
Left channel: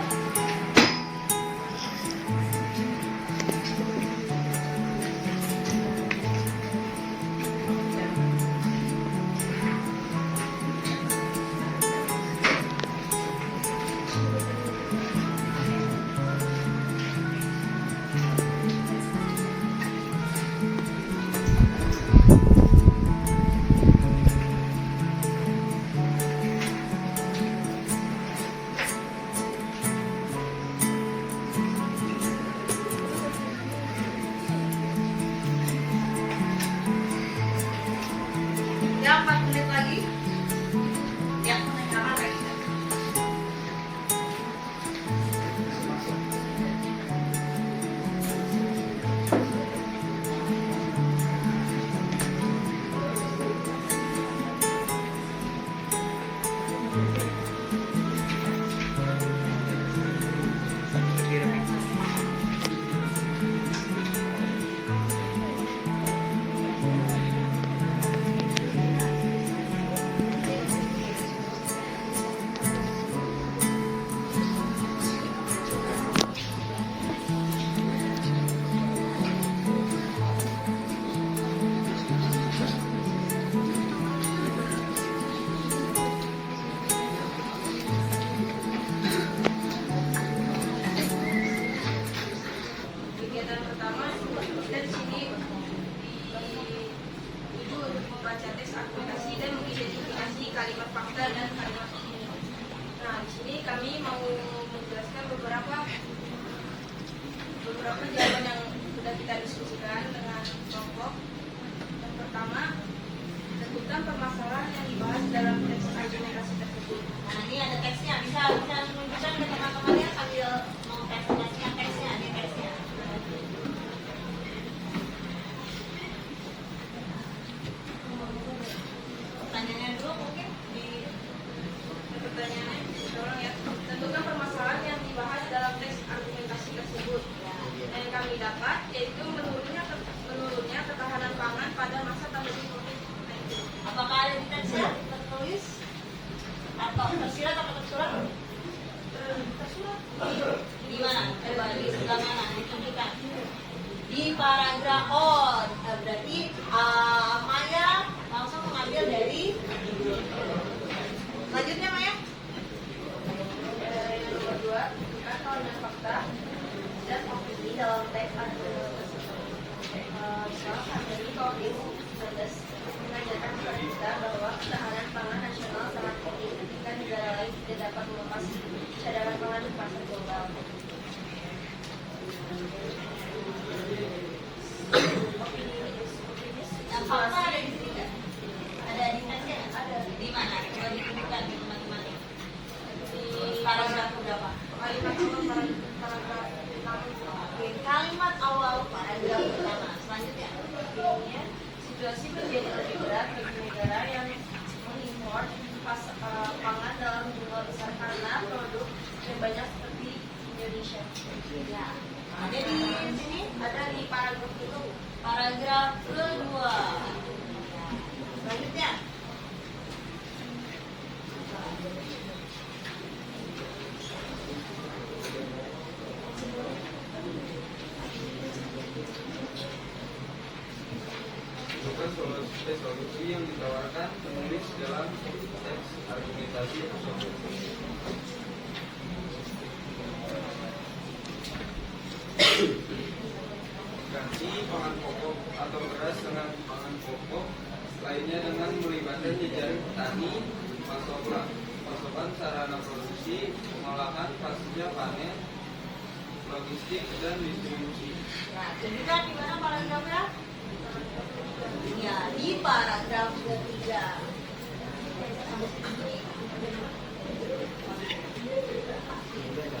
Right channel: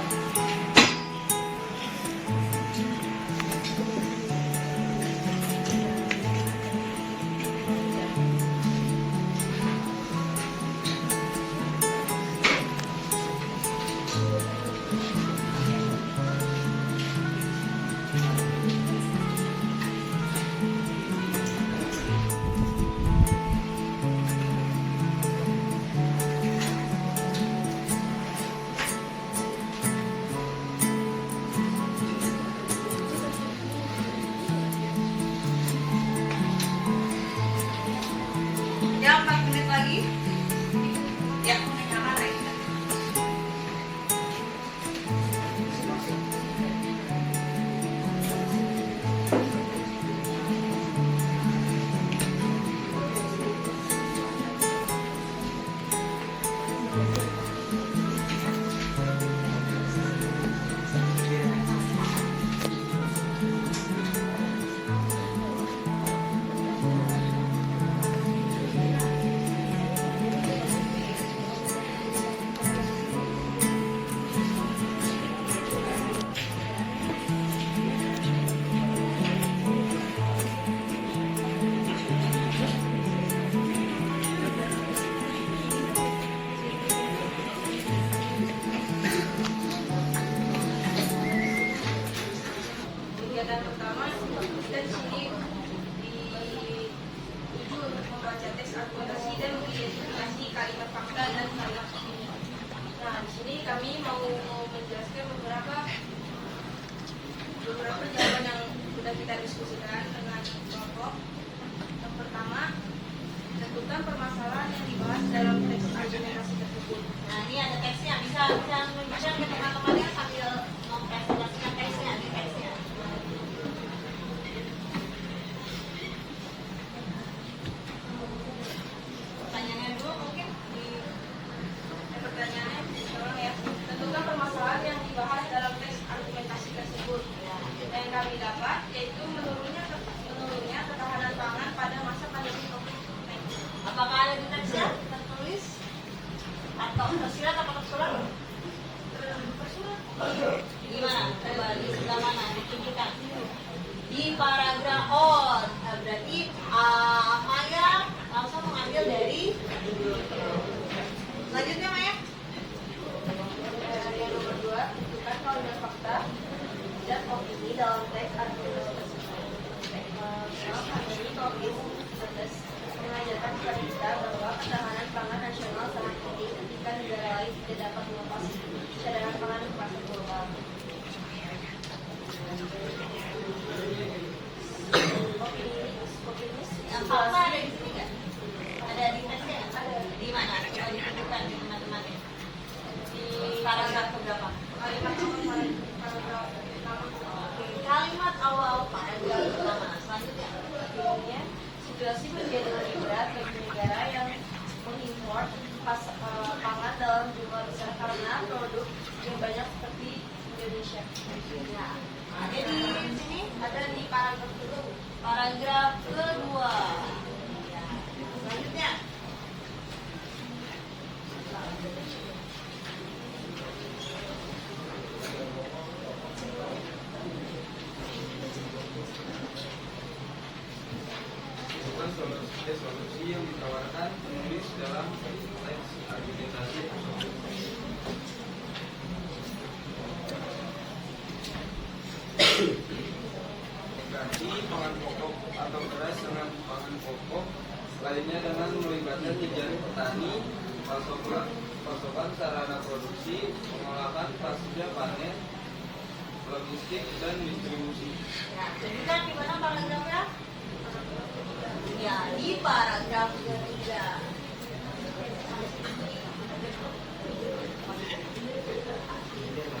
Fakta ada di sini nggak? Ada di tesnya nggak? Ada. Di mana? Coba ditunjukkan di teman-teman ya. Di paragraf berapa? Kalimat awal paragraf pertama. Selanjutnya, ya, situasi menjadi lebih berat bagi negara yang mengimpor pangan dalam jumlah besar karena produk yang banyak seperti Indonesia. Ya, ada di sini, ada di paragraf itu. Paragraf kedua. Ya. Selanjutnya. Bukan solusi yang ditawarkan penulis dalam teks argumentasi atau ganti pangan pokok atau beras dengan pangan pokok lainnya dengan melibatkan jajaran petani, pasokan sarana produksi, pengolahan pasca panen, logistik dan distribusi. Nah, tunjukkan di mana paragrafnya? Ya, di paragraf ketiga.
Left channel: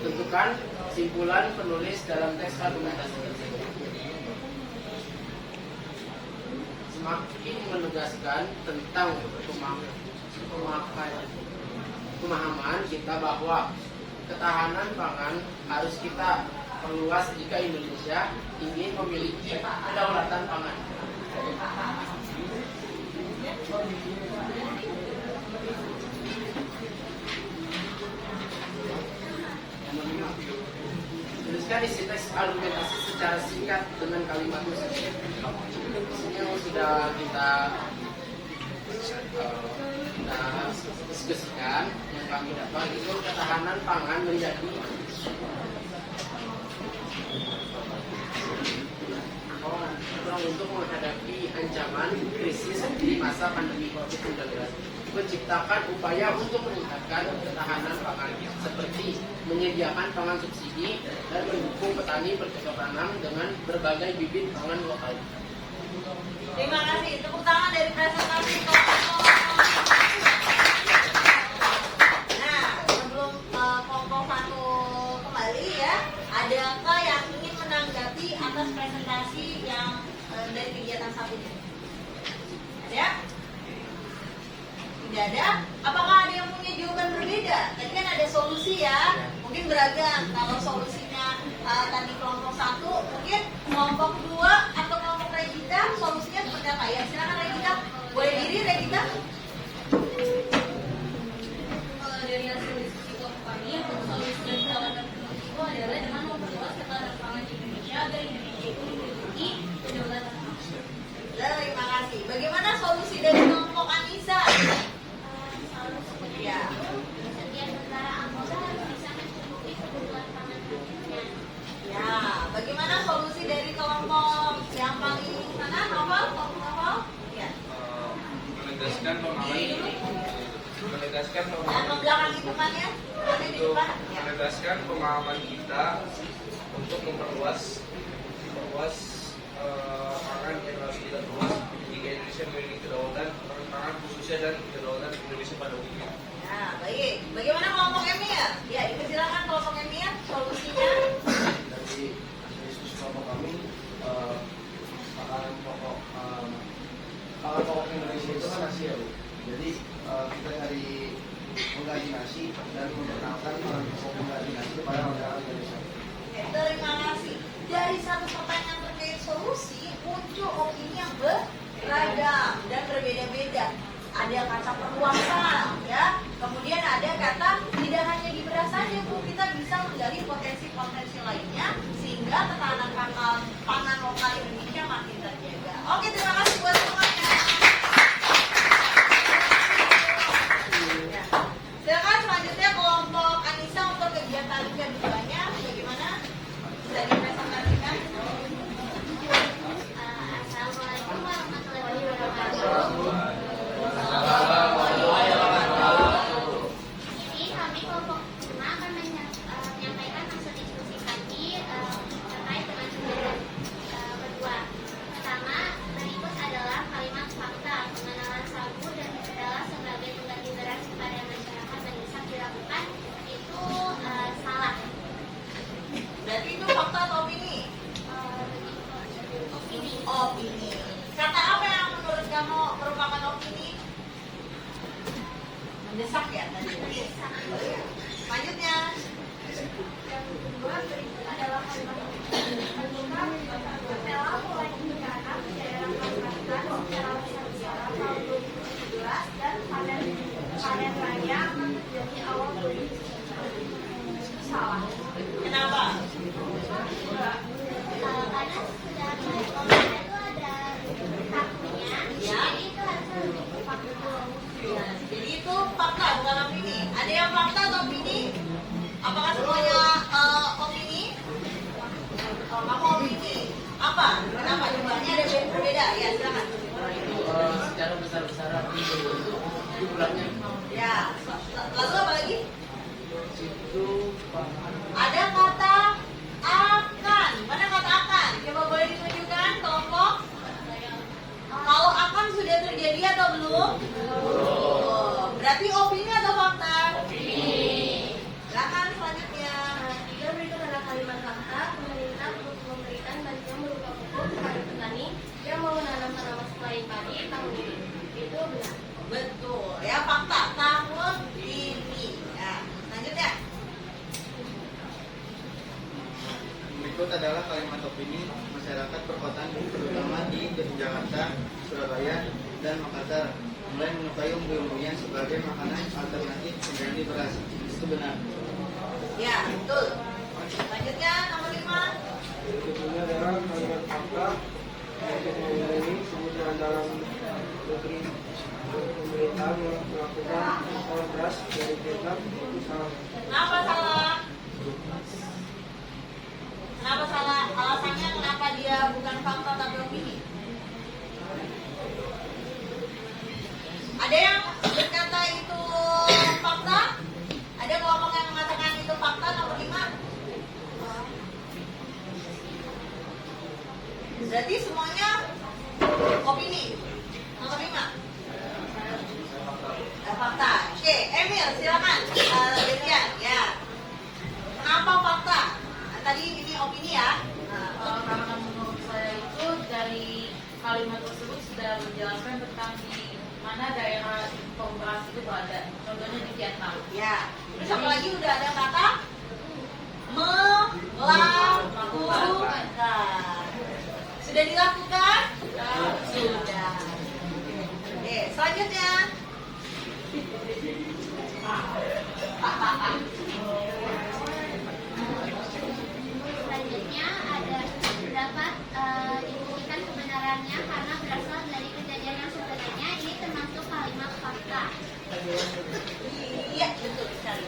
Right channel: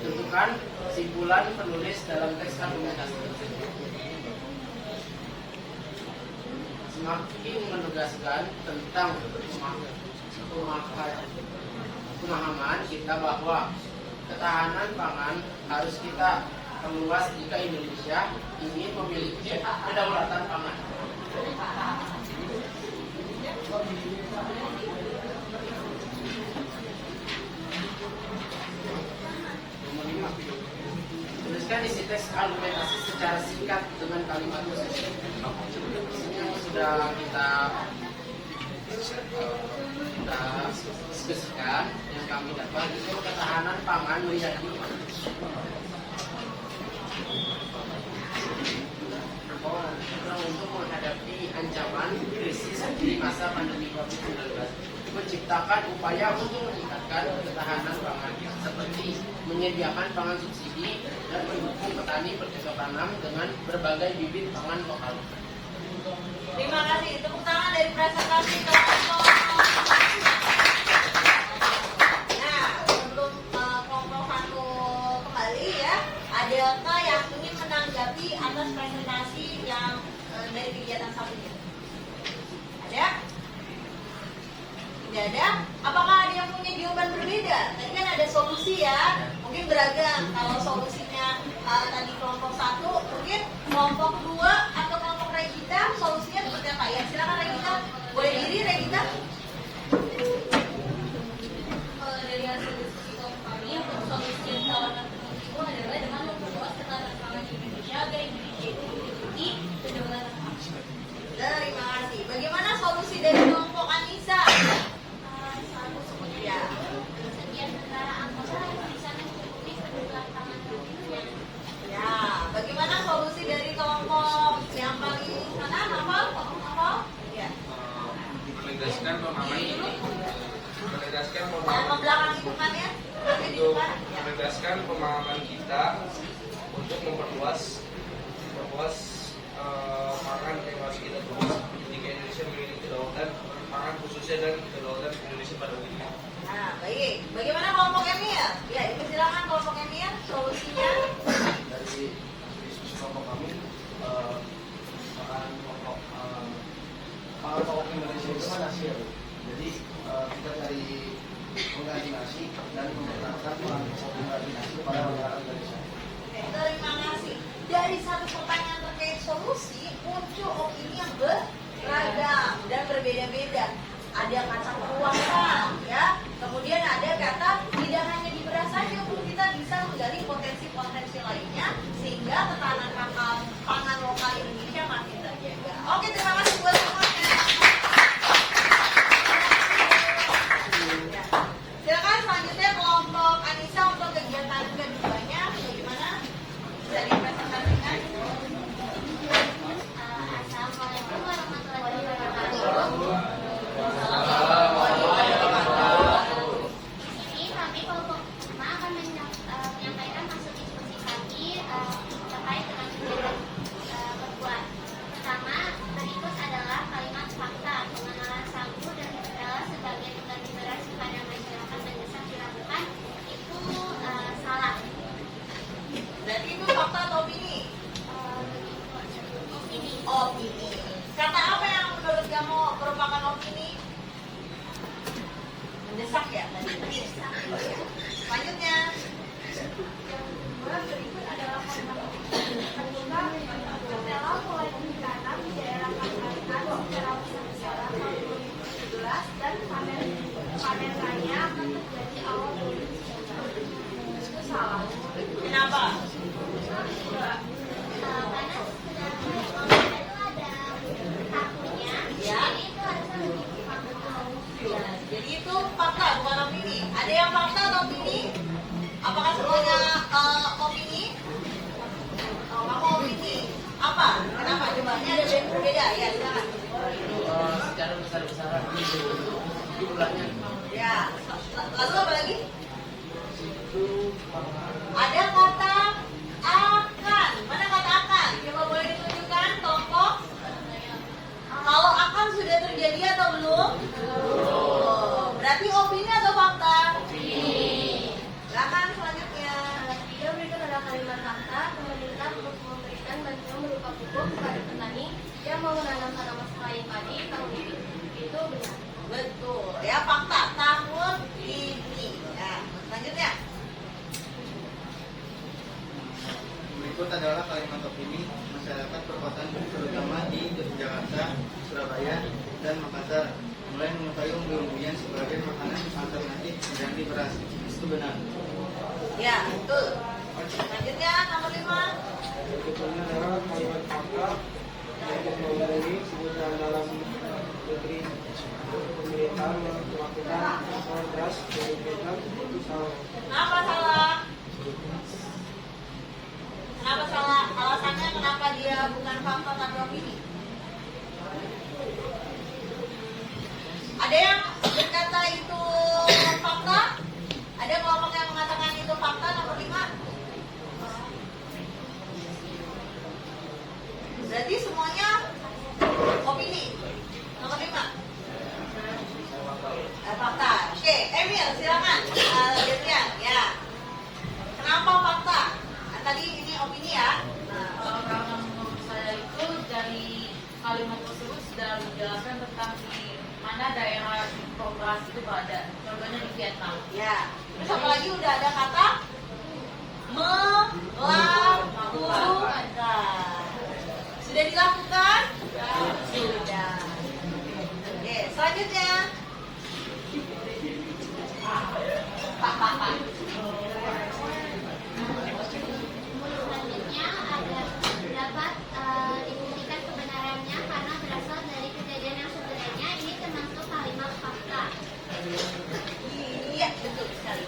Tentukan simpulan penulis dalam teks argumentasi. Semakin menegaskan tentang pemahaman kita bahwa ketahanan pangan harus kita perluas jika Indonesia ingin memiliki kedaulatan pangan. Tuliskan isi teks argumentasi secara singkat dengan kalimat khusus. Ini yang sudah kita diskusikan, yang kami dapat itu ketahanan pangan menjadi untuk menghadapi ancaman krisis di masa pandemi COVID-19, menciptakan upaya untuk meningkatkan ketahanan pangan seperti menyediakan pangan subsidi dan mendukung petani bercocok tanam dengan berbagai bibit pangan lokal. Terima kasih. Tepuk tangan dari presentasi. Nah, sebelum kelompok Vanu kembali ya, adakah yang ingin menanggapi atas presentasi yang dari kegiatan satu ini? Ada? Tidak ada? Apakah ada yang punya jawaban berbeda? Tadi kan ada solusi ya, mungkin beragam. Kalau solusinya tadi kelompok satu, mungkin kelompok dua atau kelompok Regita solusinya seperti apa ya? Silakan Regita, boleh diri Regita. Kalau dari hasil diskusi kami, solusi yang ditawarkan itu adalah dengan memperluas ketahanan pangan di Indonesia agar Indonesia itu memiliki kedaulatan pangan. Terima kasih. Bagaimana solusi dari kelompok Anissa? Ya. Setiap negara anggota harus bisa mencukupi kebutuhan pangan dunia. Ya, bagaimana solusi dari kelompok yang paling mana? Novel? Novel? Ya. Menegaskan pemahaman Yang membelakangi bukannya? Nanti di untuk depan. menegaskan pemahaman kita untuk memperluas pangan yang harus kita perluas jika Indonesia memiliki kedaulatan pangan khususnya dan kedaulatan Indonesia pada umumnya. Nah, baik. Bagaimana kelompok Emir? Ya, dipersilakan kelompok Emir solusinya. Dari diskusi kelompok kami, pangan pokok Indonesia itu kan nasi ya Bu. Jadi kita cari menggaji nasi dan memperkenalkan pangan pokok menggaji nasi kepada masyarakat Indonesia. Terima kasih. Dari satu pertanyaan terkait solusi muncul opini yang beragam dan berbeda-beda. Ada kata perluasan, ya. Kemudian ada kata tidak hanya di beras saja, Bu. Kita bisa menggali potensi-potensi lainnya sehingga ketahanan pangan lokal Indonesia makin terjaga. Oke, terima kasih buat semuanya. Ya. Silakan selanjutnya kelompok Anissa untuk kegiatan keduanya bagaimana? Bisa dipresentasikan? Assalamualaikum warahmatullahi mendesak ya tadi. Selanjutnya. Yang kedua berikut adalah kalimat ketika dalam mulai dibicarakan di daerah Kalimantan secara besar-besaran tahun 2017 dan panen raya akan terjadi awal 2019. Itu salah. Kenapa? Karena sudah kalau itu ada tahunnya, Ya. jadi itu harusnya lebih fakta. Ya, jadi itu fakta bukan opini. Ada yang fakta atau opini? Apakah semuanya opini? Oh, kamu opini. Apa? Kenapa? Coba ini ada beda. Ya, silakan. Itu secara besar-besaran itu jumlahnya. Ya. Lalu apa lagi? Itu Ada kata akan. Mana kata akan? Coba boleh ditunjukkan, tolong. Kalau akan sudah terjadi atau belum? Belum. Berarti opini atau fakta? Opini. Silakan selanjutnya. Tiga berikut adalah kalimat fakta. Pemerintah memberikan bantuan berupa pupuk kepada petani yang mau menanam tanaman selain padi tahun ini. Itu benar. Betul. Ya, fakta. Tahun ini. Ya. Selanjutnya. Berikut adalah kalimat opini masyarakat perkotaan terutama di Jakarta, Surabaya, dan Makassar mulai menyukai umbi-umbian sebagai makanan alternatif pengganti beras. Itu benar. Ya, betul. Selanjutnya nomor 5. Berikutnya adalah kalimat fakta untuk mengurangi kebutuhan dalam negeri. Pemerintah melakukan ekspor beras dari Vietnam. Itu salah. Kenapa salah? Kenapa salah? Alasannya kenapa dia bukan fakta tapi opini? Ada yang berkata itu fakta? Ada kelompok yang mengatakan itu fakta nomor 5? Berarti semuanya opini. Nomor 5. Fakta. Oke, Emil silakan. Gantian ya. Kenapa fakta? Tadi ini opini ya. Kalau menurut saya itu dari kalimat tersebut sudah menjelaskan tentang di mana daerah beras itu ada. Contohnya di Vietnam. Ya. Terus apa lagi udah ada kata melakukan. Sudah dilakukan? Sudah. Oke, selanjutnya. Selanjutnya ada dapat dibuktikan kebenarannya karena berasal dari kejadian yang sebenarnya. Ini termasuk kalimat fakta. Iya, betul sekali.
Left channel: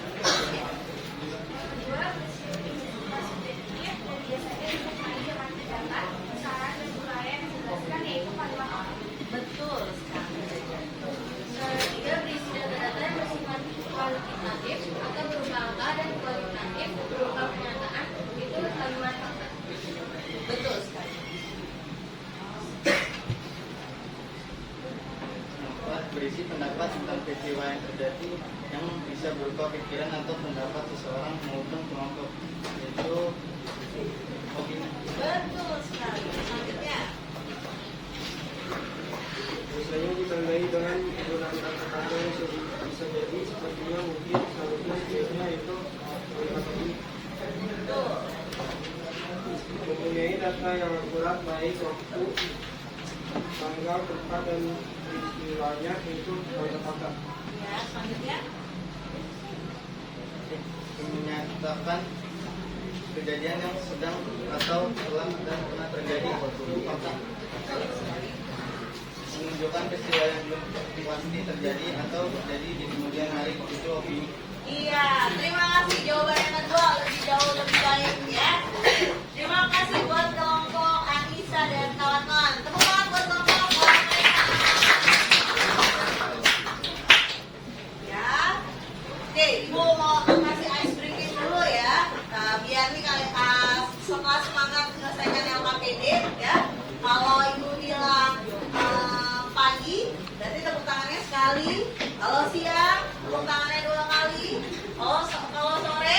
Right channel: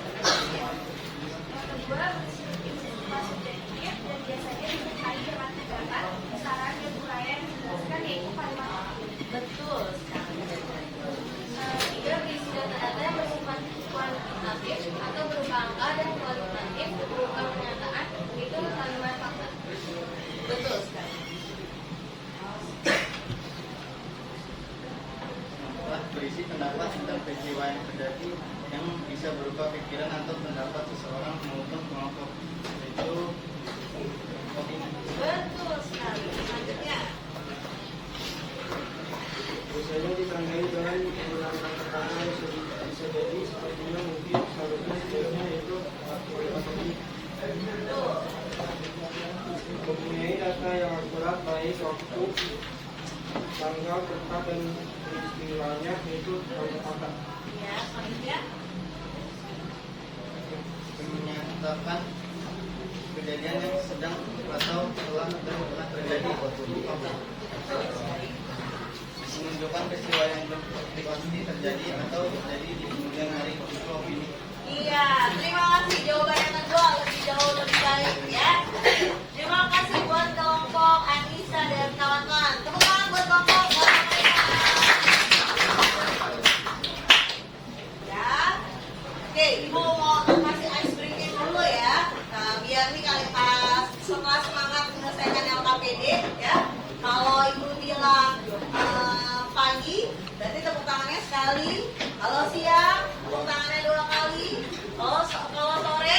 Yang kedua, berisi sedikit dan biasanya disertai dengan terdapat saran dan upaya yang dijelaskan yaitu kalimat fakta. Betul sekali. Tiga, berisi data-data yang bersifat kualitatif atau berupa angka dan kualitatif berupa pernyataan. Itu kalimat fakta. Betul sekali. Berisi pendapat tentang peristiwa yang terjadi yang bisa berupa pikiran atau pendapat seseorang maupun kelompok. Itu opini. Betul sekali. Selanjutnya. Biasanya ditandai dengan penggunaan kata-kata yang bisa jadi sepertinya mungkin seharusnya biasanya itu kalimat opini. Betul. Mempunyai data yang akurat baik waktu, tanggal, tempat, dan peristiwanya itu kalimat fakta. Ya, selanjutnya. Menyatakan kejadian yang sedang atau telah dan pernah terjadi. Itu fakta. Betul sekali. Menunjukkan peristiwa yang belum pasti terjadi atau terjadi di kemudian hari. Itu opini. Iya, terima kasih. Jawaban yang kedua lebih jauh lebih baik ya. Terima kasih buat kelompok Anissa dan kawan-kawan. Tepuk tangan buat kelompok. Ya. Oke, Ibu mau kasih ice breaking dulu ya. Nah, biar nih kalian semangat menyelesaikan LKPD ya. Kalau Ibu bilang pagi, berarti tepuk tangannya sekali. Kalau siang, tepuk tangannya 2 kali. Kalau sore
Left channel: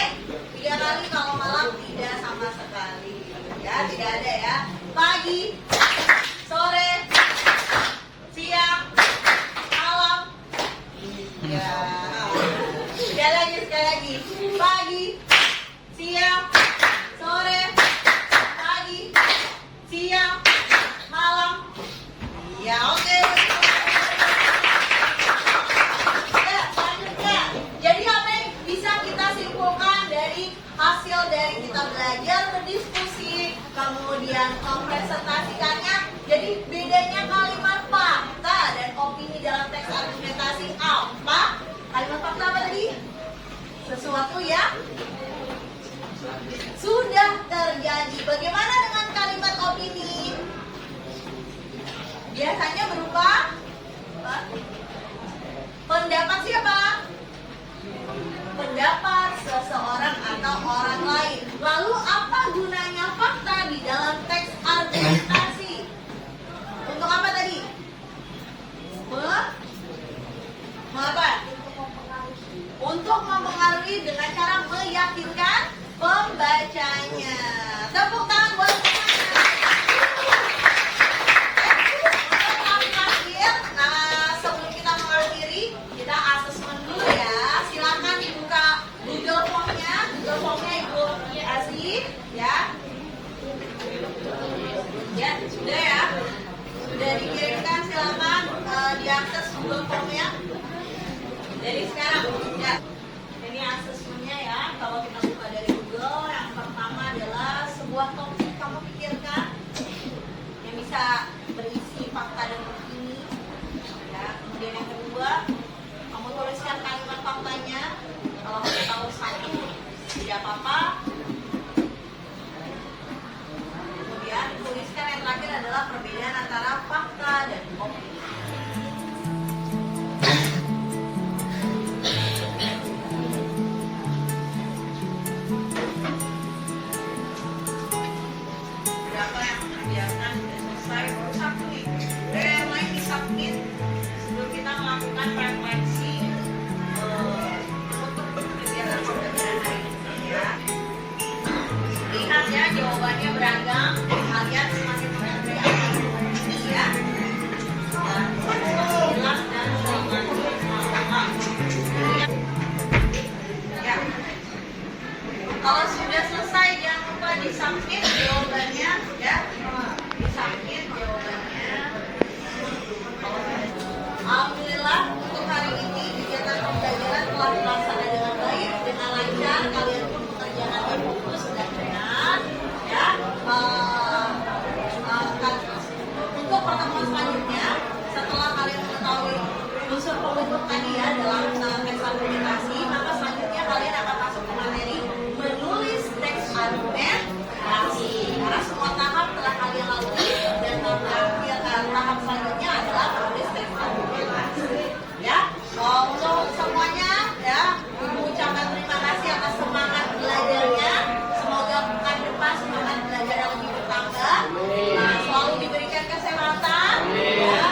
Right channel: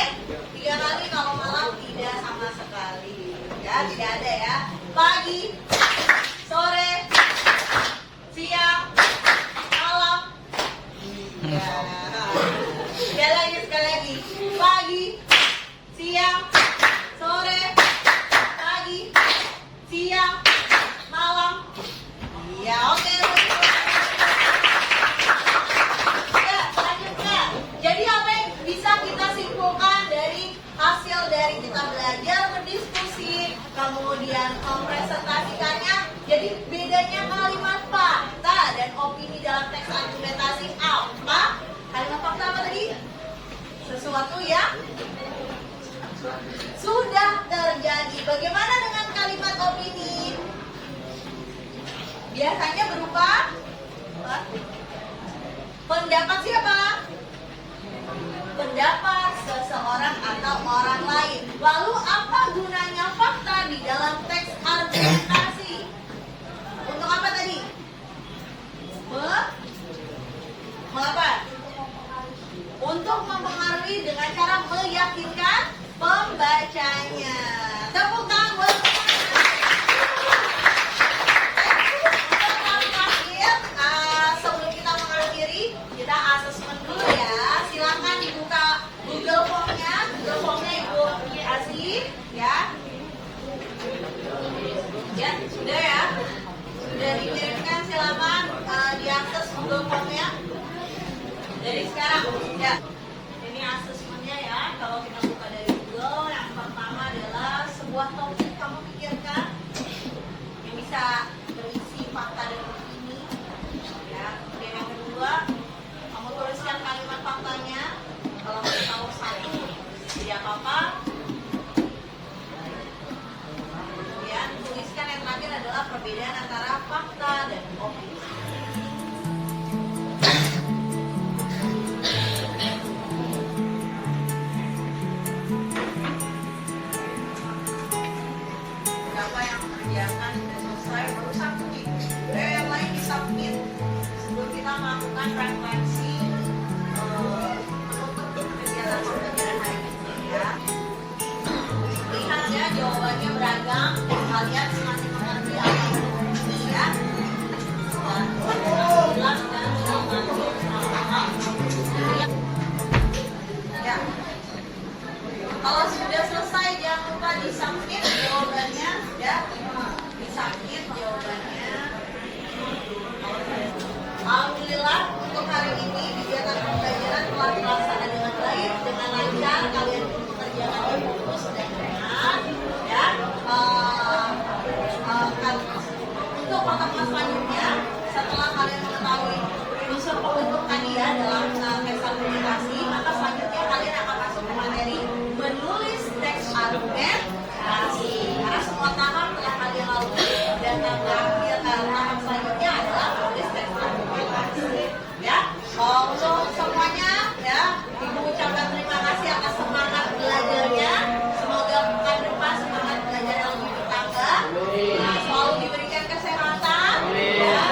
3 kali. Kalau malam tidak sama sekali. Ya, tidak ada ya. Pagi, sore, siang, malam. Ya. sesuatu yang sudah terjadi. Bagaimana dengan kalimat opini? Biasanya berupa pendapat siapa? Pendapat seseorang atau orang lain. Lalu apa gunanya fakta di dalam teks argumentasi? Untuk apa tadi? Mengapa? Untuk mempengaruhi dengan cara meyakinkan pembacanya. Tepuk tangan buat sebelum kita mengakhiri, kita asesmen dulu ya. Silakan dibuka Google Form-nya. Google Form-nya Ibu kasih ya. Ya, sudah ya. Sudah dikirimkan, silakan diakses Google Form-nya. Dari sekarang ya. Ini asesmennya ya. Kalau kita buka dari Google, yang pertama adalah sebuah topik kamu pikirkan yang bisa berisi fakta dan opini. Ya. Kemudian yang kedua, kamu tuliskan kalimat faktanya. Kalau kamu tahu satu, tidak apa-apa. Kemudian tuliskan yang terakhir adalah perbedaan antara fakta dan opini. Berapa yang mengerjakan sudah selesai? Baru satu nih. Yang lain disubmit sebelum kita melakukan refleksi untuk kegiatan pembelajaran hari ini ya. Lihat ya, jawabannya beragam. Kalian semakin mengerti ya. Ya. Kalau sudah selesai jangan lupa disubmit jawabannya ya. Disubmit jawabannya. Alhamdulillah untuk hari ini kegiatan pembelajaran telah terlaksana dengan baik, dengan lancar. Kalian pun mengerjakannya fokus dan benar ya. Untuk pertemuan selanjutnya, setelah kalian mengetahui unsur pembentuk tadi ya dalam teks argumentasi, maka selanjutnya kalian akan masuk ke materi menulis teks argumentasi. Karena semua tahap telah kalian lalui dan tahap selanjutnya adalah menulis teks argumentasi. Ya, untuk semuanya ya, Ibu ucapkan terima kasih atas semangat belajarnya. Semoga pekan depan semangat belajar yang lebih bertambah. Selalu diberikan kesehatan, ya,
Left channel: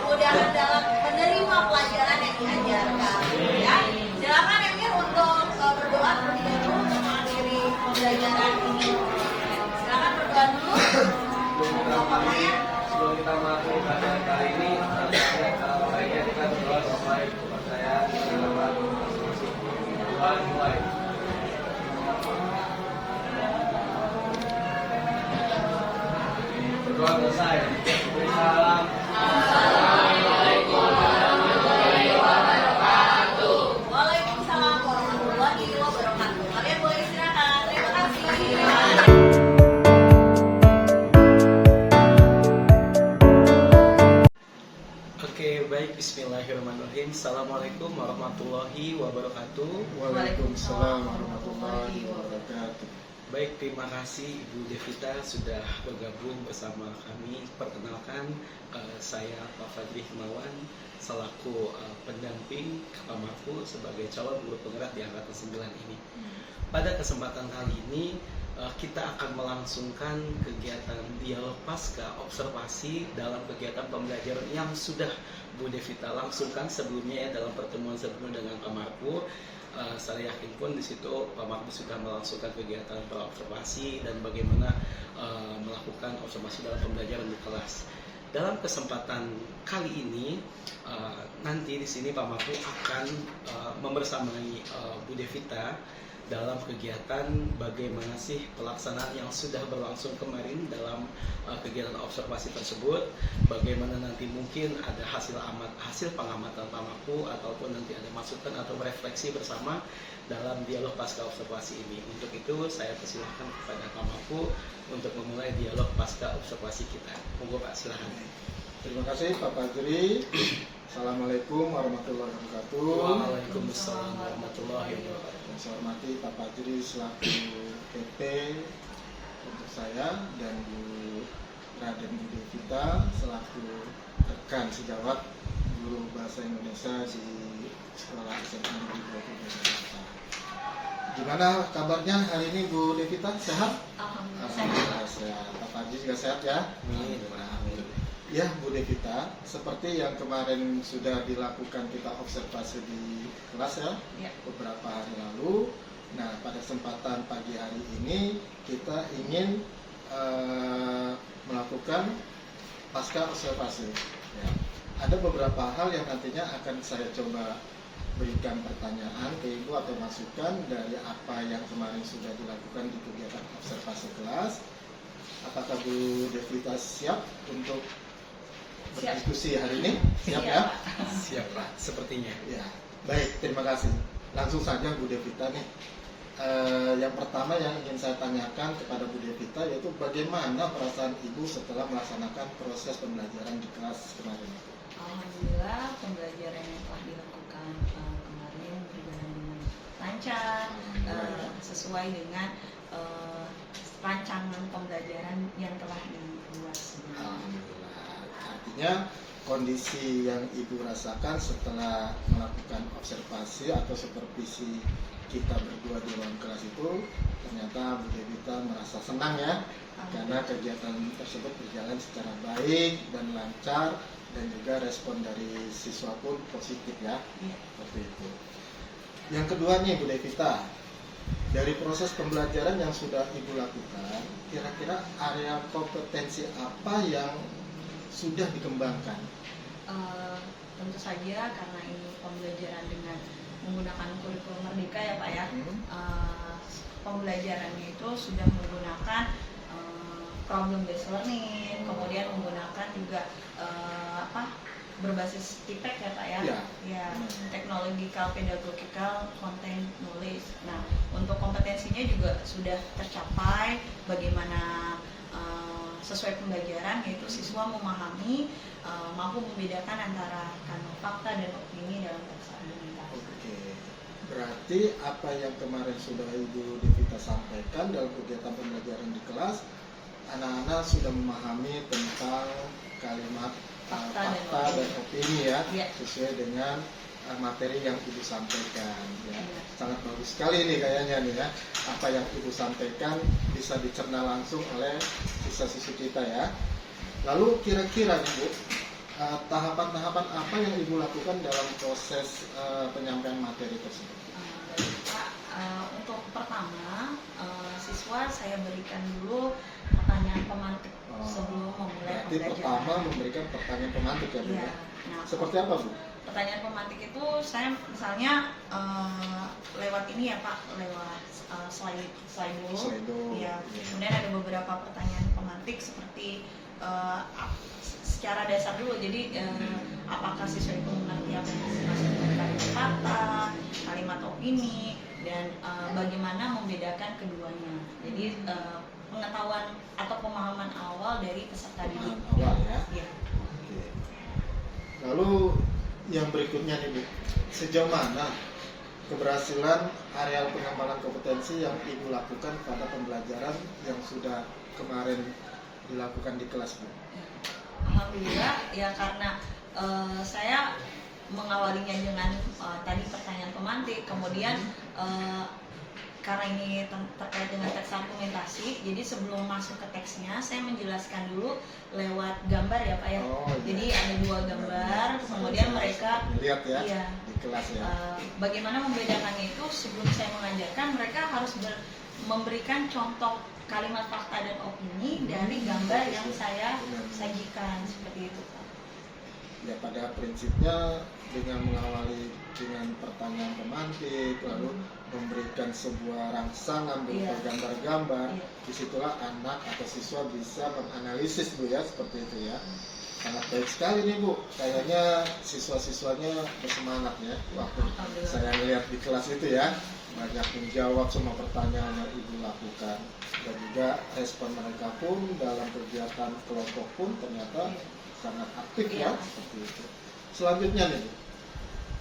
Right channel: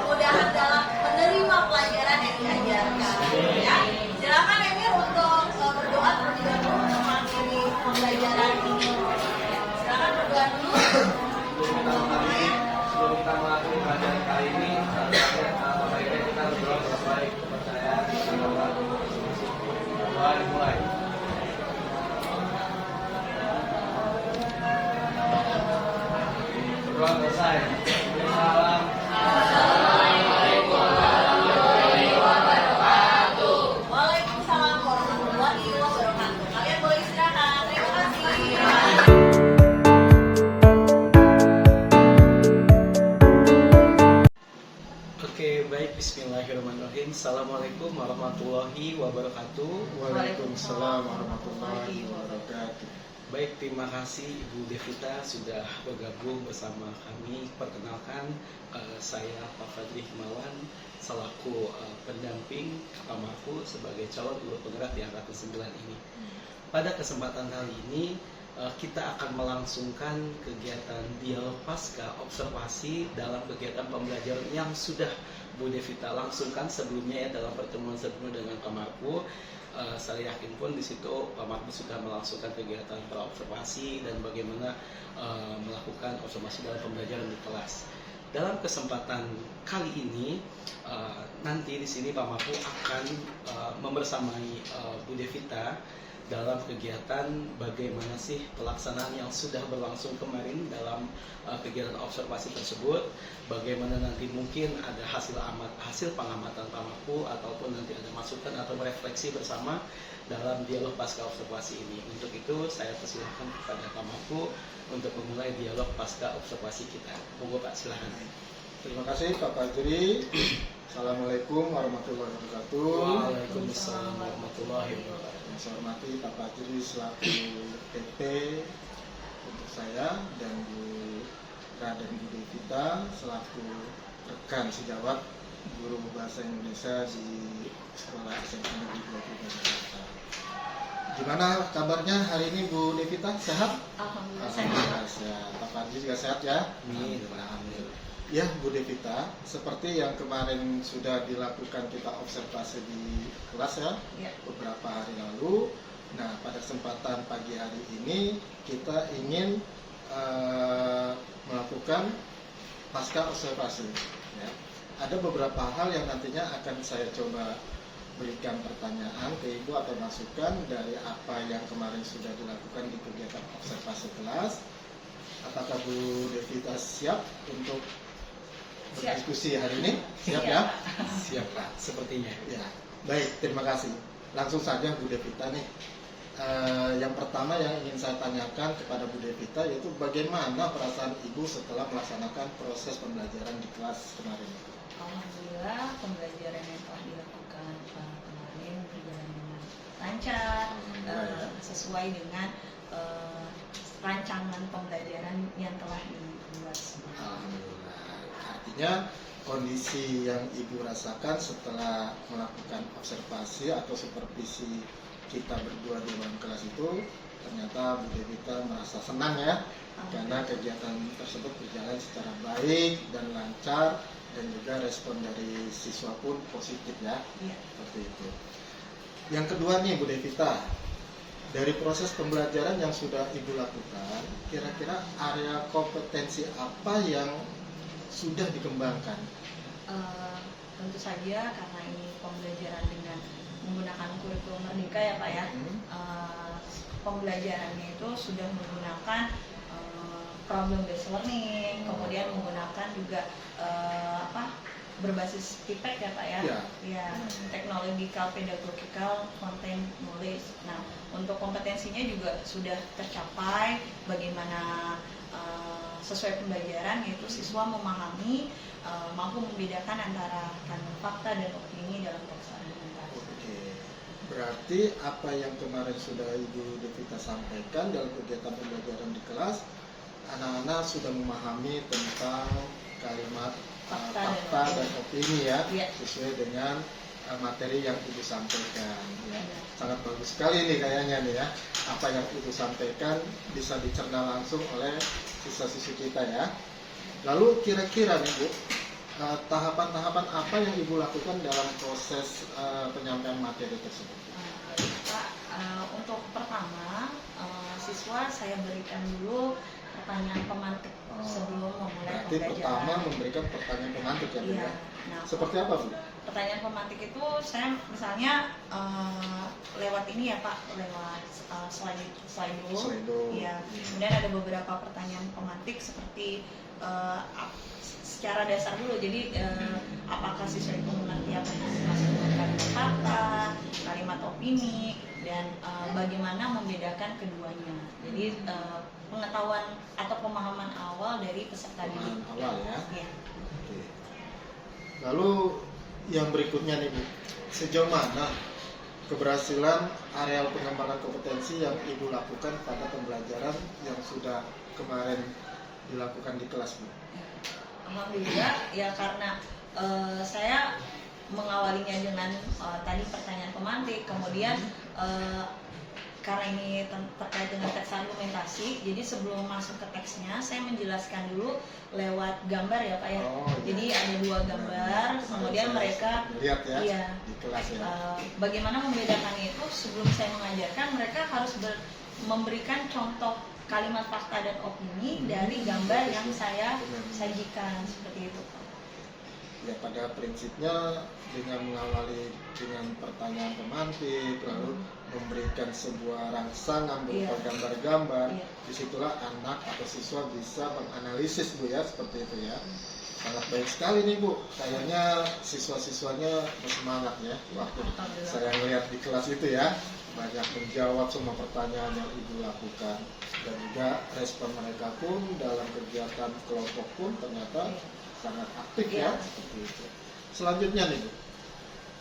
kemudahan dalam menerima pelajaran yang diajarkan. Ya, silakan Emir untuk berdoa terlebih dahulu untuk mengakhiri pembelajaran ini. Silakan berdoa dulu. Sebelum kita mengakhiri pelajaran kali ini, baiknya kita berdoa sesuai kepercayaan dan doa masing-masing. Doa dimulai. Berdoa selesai. Salam. Waalaikumsalam warahmatullahi wabarakatuh. Kalian boleh istirahat. Terima kasih. Oke, baik. Bismillahirrahmanirrahim. Assalamualaikum warahmatullahi wabarakatuh. Waalaikumsalam warahmatullahi wabarakatuh. Baik, terima kasih Ibu Devita sudah bergabung bersama kami. Perkenalkan, saya Pak Fadli Himawan selaku pendamping Pak Marfu sebagai calon guru penggerak di angkatan 9 ini. Pada kesempatan kali ini kita akan melangsungkan kegiatan dialog pasca observasi dalam kegiatan pembelajaran yang sudah Bu Devita langsungkan sebelumnya ya, dalam pertemuan sebelumnya dengan Pak Marfu. Saya yakin pun di situ Pak Marfu sudah melangsungkan kegiatan observasi dan bagaimana melakukan observasi dalam pembelajaran di kelas. Dalam kesempatan kali ini nanti di sini Pak Marfu akan membersamai Bu Devita dalam kegiatan bagaimana sih pelaksanaan yang sudah berlangsung kemarin dalam kegiatan observasi tersebut, bagaimana nanti mungkin ada hasil pengamatan Pak Marfu ataupun nanti ada masukan atau refleksi bersama dalam dialog pasca observasi ini. Untuk itu saya persilahkan kepada Pak Marfu untuk memulai dialog pasca observasi kita. Monggo Pak, silakan. Terima kasih Pak Fajri. Assalamualaikum warahmatullahi wabarakatuh. Waalaikumsalam warahmatullahi wabarakatuh. Yang saya hormati Pak Fajri selaku PP untuk saya dan Bu Raden Bu Devita selaku rekan sejawat guru bahasa Indonesia di Sekolah SMA Negeri 23 Jakarta. Gimana kabarnya hari ini Bu Devita? Sehat? Alhamdulillah Alhamdulillah sehat. sehat. Pak Fajri juga sehat ya? Amin. Ya Bu Devita, seperti yang kemarin sudah dilakukan kita observasi di kelas ya, Ya. beberapa hari lalu. Nah, pada kesempatan pagi hari ini kita ingin melakukan pasca observasi. Ya. Ada beberapa hal yang nantinya akan saya coba berikan pertanyaan ke Ibu atau masukan dari apa yang kemarin sudah dilakukan di kegiatan observasi kelas. Apakah Bu Devita siap untuk Siap. berdiskusi hari ini? Siap Siap, ya? Pak. Siap Pak, sepertinya. Ya, baik, terima kasih. Langsung saja Bu Devita nih. Yang pertama yang ingin saya tanyakan kepada Bu Devita yaitu bagaimana perasaan Ibu setelah melaksanakan proses pembelajaran di kelas kemarin? Alhamdulillah pembelajaran yang telah dilakukan kemarin berjalan dengan lancar, sesuai dengan rancangan pembelajaran yang telah dibuat. Alhamdulillah. Artinya kondisi yang Ibu rasakan setelah melakukan observasi atau supervisi kita berdua di ruang kelas itu ternyata Bu Devita merasa senang ya karena kegiatan tersebut berjalan secara baik dan lancar dan juga respon dari siswa pun positif ya. Iya. Seperti itu. Yang kedua nih Bu Devita, dari proses pembelajaran yang sudah Ibu lakukan, kira-kira area kompetensi apa yang sudah dikembangkan? Tentu saja karena ini pembelajaran dengan menggunakan kurikulum Merdeka ya Pak ya. Pembelajarannya itu sudah menggunakan problem based learning, kemudian menggunakan juga berbasis TPEC ya Pak ya. Ya, technological, pedagogical, content, knowledge. Nah, untuk kompetensinya juga sudah tercapai bagaimana sesuai pembelajaran yaitu siswa memahami, mampu membedakan antara kandung fakta dan opini dalam teks argumentasi. Oke. Berarti apa yang kemarin sudah Ibu Devita sampaikan dalam kegiatan pembelajaran di kelas, anak-anak sudah memahami tentang kalimat fakta dan opini ya, sesuai dengan materi yang Ibu sampaikan ya. Sangat bagus sekali nih kayaknya nih ya. Apa yang Ibu sampaikan bisa dicerna langsung oleh siswa-siswi kita ya. Lalu kira-kira nih Bu, tahapan-tahapan apa yang Ibu lakukan dalam proses penyampaian materi tersebut? Baik Pak, untuk pertama siswa saya berikan dulu pertanyaan pemantik sebelum memulai Berarti pembelajaran. pertama memberikan pertanyaan pemantik ya Bu Iya. ya? Nah, Seperti apa Bu? pertanyaan pemantik itu saya misalnya lewat ini ya Pak, lewat Slido. Iya. Kemudian ada beberapa pertanyaan pemantik seperti secara dasar dulu. Jadi apakah siswa itu mengerti apa yang dimaksud dengan kalimat fakta, kalimat opini, dan bagaimana membedakan keduanya. Jadi pengetahuan atau pemahaman awal dari peserta didik. Awal ya. Iya. Oke. Lalu yang berikutnya nih Bu, sejauh mana keberhasilan areal pengembangan kompetensi yang Ibu lakukan pada pembelajaran yang sudah kemarin dilakukan di kelas Bu? Alhamdulillah ya karena saya mengawalinya dengan tadi pertanyaan pemantik, kemudian karena ini terkait dengan teks argumentasi, jadi sebelum masuk ke teksnya saya menjelaskan dulu lewat gambar ya Pak ya. Jadi ada dua gambar, kemudian mereka lihat ya iya, di kelas ya. Bagaimana membedakannya itu sebelum saya mengajarkan mereka harus memberikan contoh kalimat fakta dan opini dari gambar yang saya sajikan seperti itu Pak. Ya pada prinsipnya dengan mengawali dengan pertanyaan pemantik lalu memberikan sebuah rangsangan berupa gambar-gambar, disitulah anak atau siswa bisa menganalisis Bu ya, seperti itu ya. Sangat baik sekali nih Bu, kayaknya siswa-siswanya bersemangat ya waktu saya lihat di kelas itu ya, banyak menjawab semua pertanyaan yang Ibu lakukan dan juga respon mereka pun dalam kegiatan kelompok pun ternyata sangat aktif ya, seperti itu. Selanjutnya nih,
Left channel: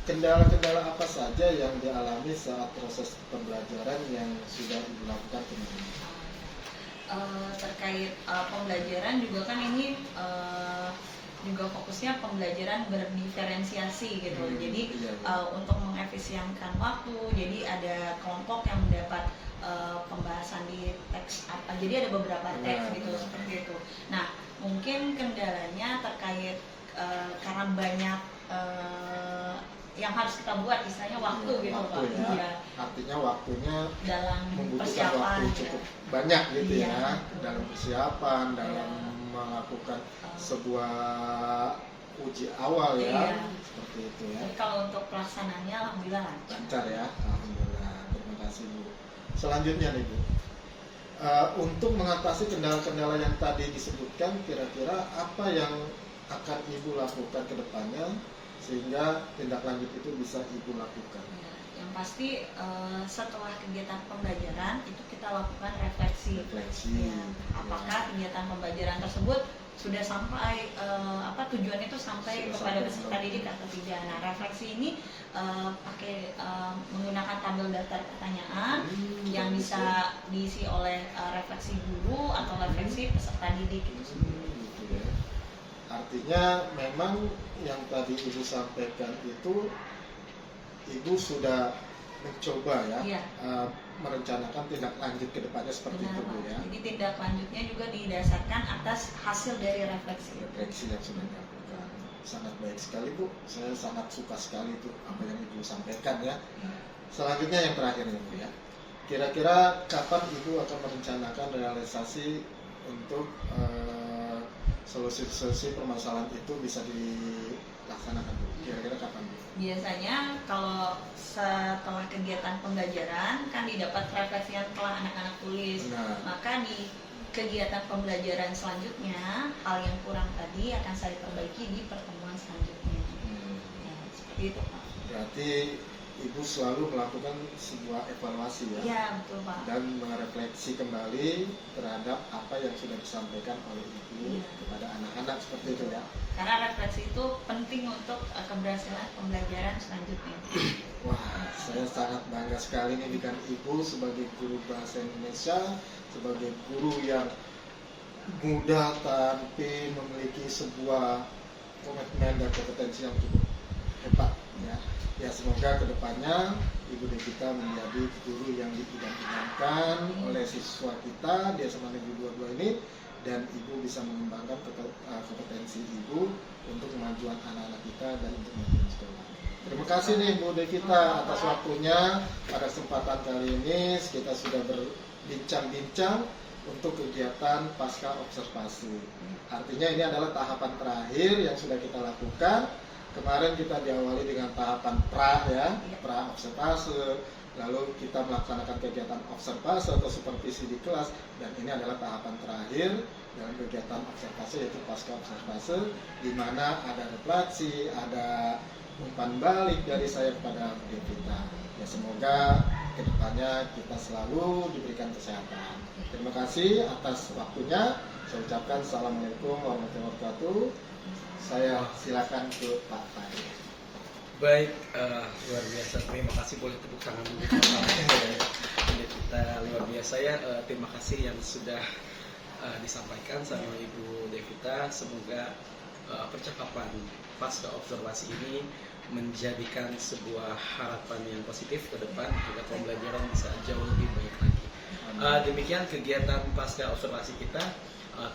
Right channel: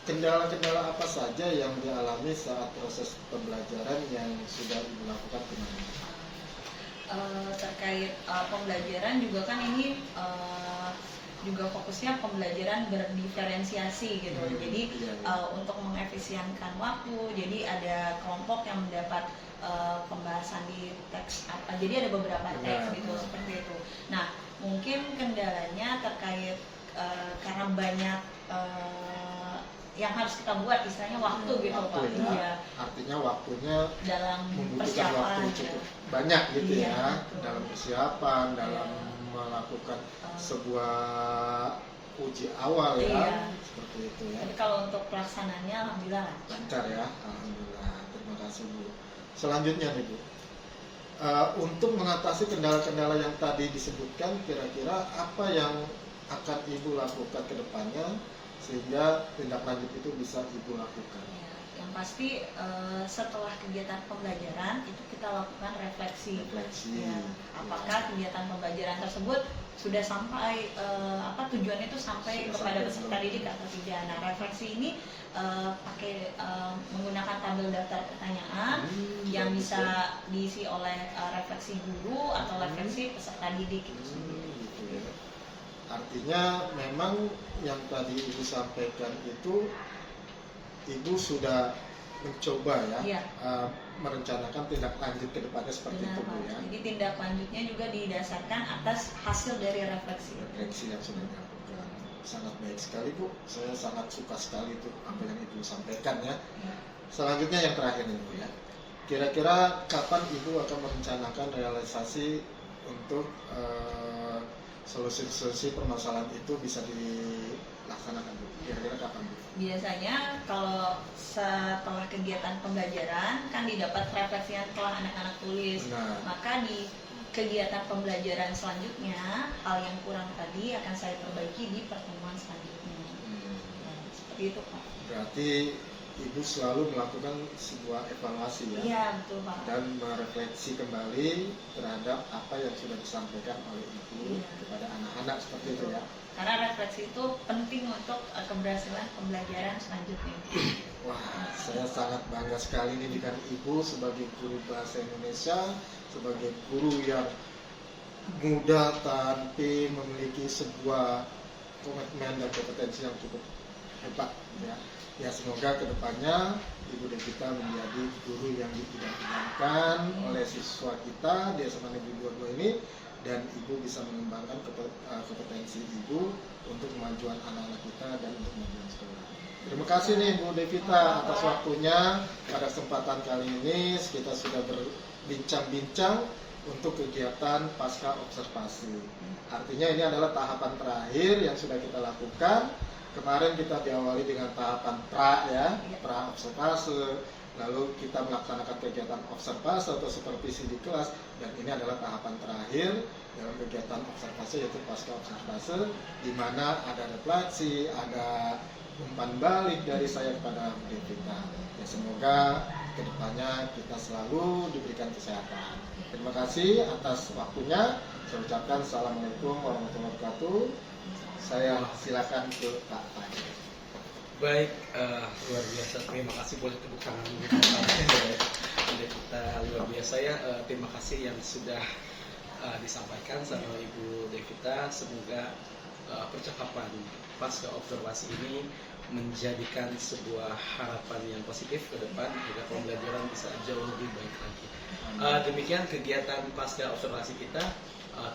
kendala-kendala apa saja yang dialami saat proses pembelajaran yang sudah Ibu lakukan kemarin? Terkait pembelajaran juga kan ini juga fokusnya pembelajaran berdiferensiasi gitu. Jadi untuk mengefisienkan waktu, jadi ada kelompok yang mendapat pembahasan di teks apa. Jadi ada beberapa teks gitu seperti itu. Nah, mungkin kendalanya terkait karena banyak yang harus kita buat, istilahnya waktu gitu Pak. Iya. Artinya waktunya Dalam membutuhkan persiapan waktu cukup banyak gitu Iya, ya, betul. dalam persiapan, dalam melakukan sebuah uji awal ya, Iya. seperti itu ya. Tapi kalau untuk pelaksanaannya alhamdulillah lancar. Lancar ya, alhamdulillah. Terima kasih Bu. Selanjutnya nih Bu, untuk mengatasi kendala-kendala yang tadi disebutkan, kira-kira apa yang akan Ibu lakukan ke depannya sehingga tindak lanjut itu bisa Ibu lakukan? Ya, yang pasti setelah kegiatan pembelajaran itu kita lakukan refleksi. Refleksi. Ya, apakah kegiatan pembelajaran tersebut sudah sampai tujuan itu sampai Sudah kepada sampai peserta belum? didik atau tidak. Nah, refleksi ini pakai menggunakan tabel daftar pertanyaan yang bagus bisa ya. diisi oleh refleksi guru atau refleksi peserta didik itu sendiri. Gitu ya. Artinya memang yang tadi Ibu sampaikan itu Ibu sudah mencoba ya, Iya. merencanakan tindak lanjut ke depannya seperti Benar itu Bu Pak. ya. Jadi tindak lanjutnya juga didasarkan atas hasil dari refleksi. Refleksi yang sudah dilakukan sangat baik sekali Bu. Saya sangat suka sekali itu apa yang Ibu sampaikan ya. Ya. Selanjutnya yang terakhir nih Bu ya. Kira-kira kapan Ibu akan merencanakan realisasi untuk solusi-solusi permasalahan itu bisa dilaksanakan Bu? Kira-kira kapan Bu? Biasanya kalau setelah kegiatan pembelajaran kan didapat refleksi yang telah anak-anak tulis. Benar. Maka di kegiatan pembelajaran selanjutnya hal yang kurang tadi akan saya perbaiki di pertemuan selanjutnya. Ya, seperti itu Pak. Berarti Ibu selalu melakukan sebuah evaluasi ya, Iya betul Pak. dan merefleksi kembali terhadap apa yang sudah disampaikan oleh Ibu Iya. kepada anak-anak seperti itu ya. Karena refleksi itu penting untuk keberhasilan pembelajaran selanjutnya. Wah, saya sangat bangga sekali nih dengan Ibu sebagai guru bahasa Indonesia, sebagai guru yang muda tapi memiliki sebuah komitmen dan kompetensi yang cukup hebat ya. Ya semoga kedepannya Ibu Devita menjadi guru yang diidam-idamkan oleh siswa kita di SMA Negeri 22 ini, dan Ibu bisa mengembangkan kompetensi Ibu untuk kemajuan anak-anak kita dan untuk kemajuan sekolah. Terima kasih nih Bu Devita atas waktunya. Pada kesempatan kali ini kita sudah berbincang-bincang untuk kegiatan pasca observasi. Artinya ini adalah tahapan terakhir yang sudah kita lakukan. Kemarin kita diawali dengan tahapan pra ya, pra observasi. Lalu kita melaksanakan kegiatan observasi atau supervisi di kelas, dan ini adalah tahapan terakhir dalam kegiatan observasi yaitu pasca observasi, di mana ada refleksi, ada umpan balik dari saya kepada Bu Devita. Ya semoga kedepannya kita selalu diberikan kesehatan. Terima kasih atas waktunya. Saya ucapkan assalamualaikum warahmatullahi wabarakatuh. Saya silakan ke Pak Tahir. Baik, luar biasa. Terima kasih, boleh tepuk tangan dulu. Kita luar biasa ya. Terima kasih yang sudah disampaikan sama Ibu Devita. Semoga percakapan pasca observasi ini menjadikan sebuah harapan yang positif ke depan agar pembelajaran bisa jauh lebih baik lagi. Demikian kegiatan pasca observasi kita.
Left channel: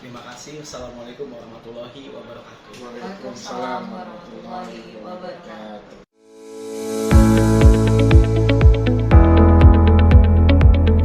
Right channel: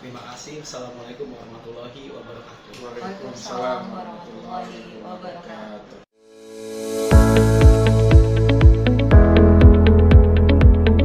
Terima kasih. Assalamualaikum warahmatullahi wabarakatuh. Waalaikumsalam warahmatullahi wabarakatuh.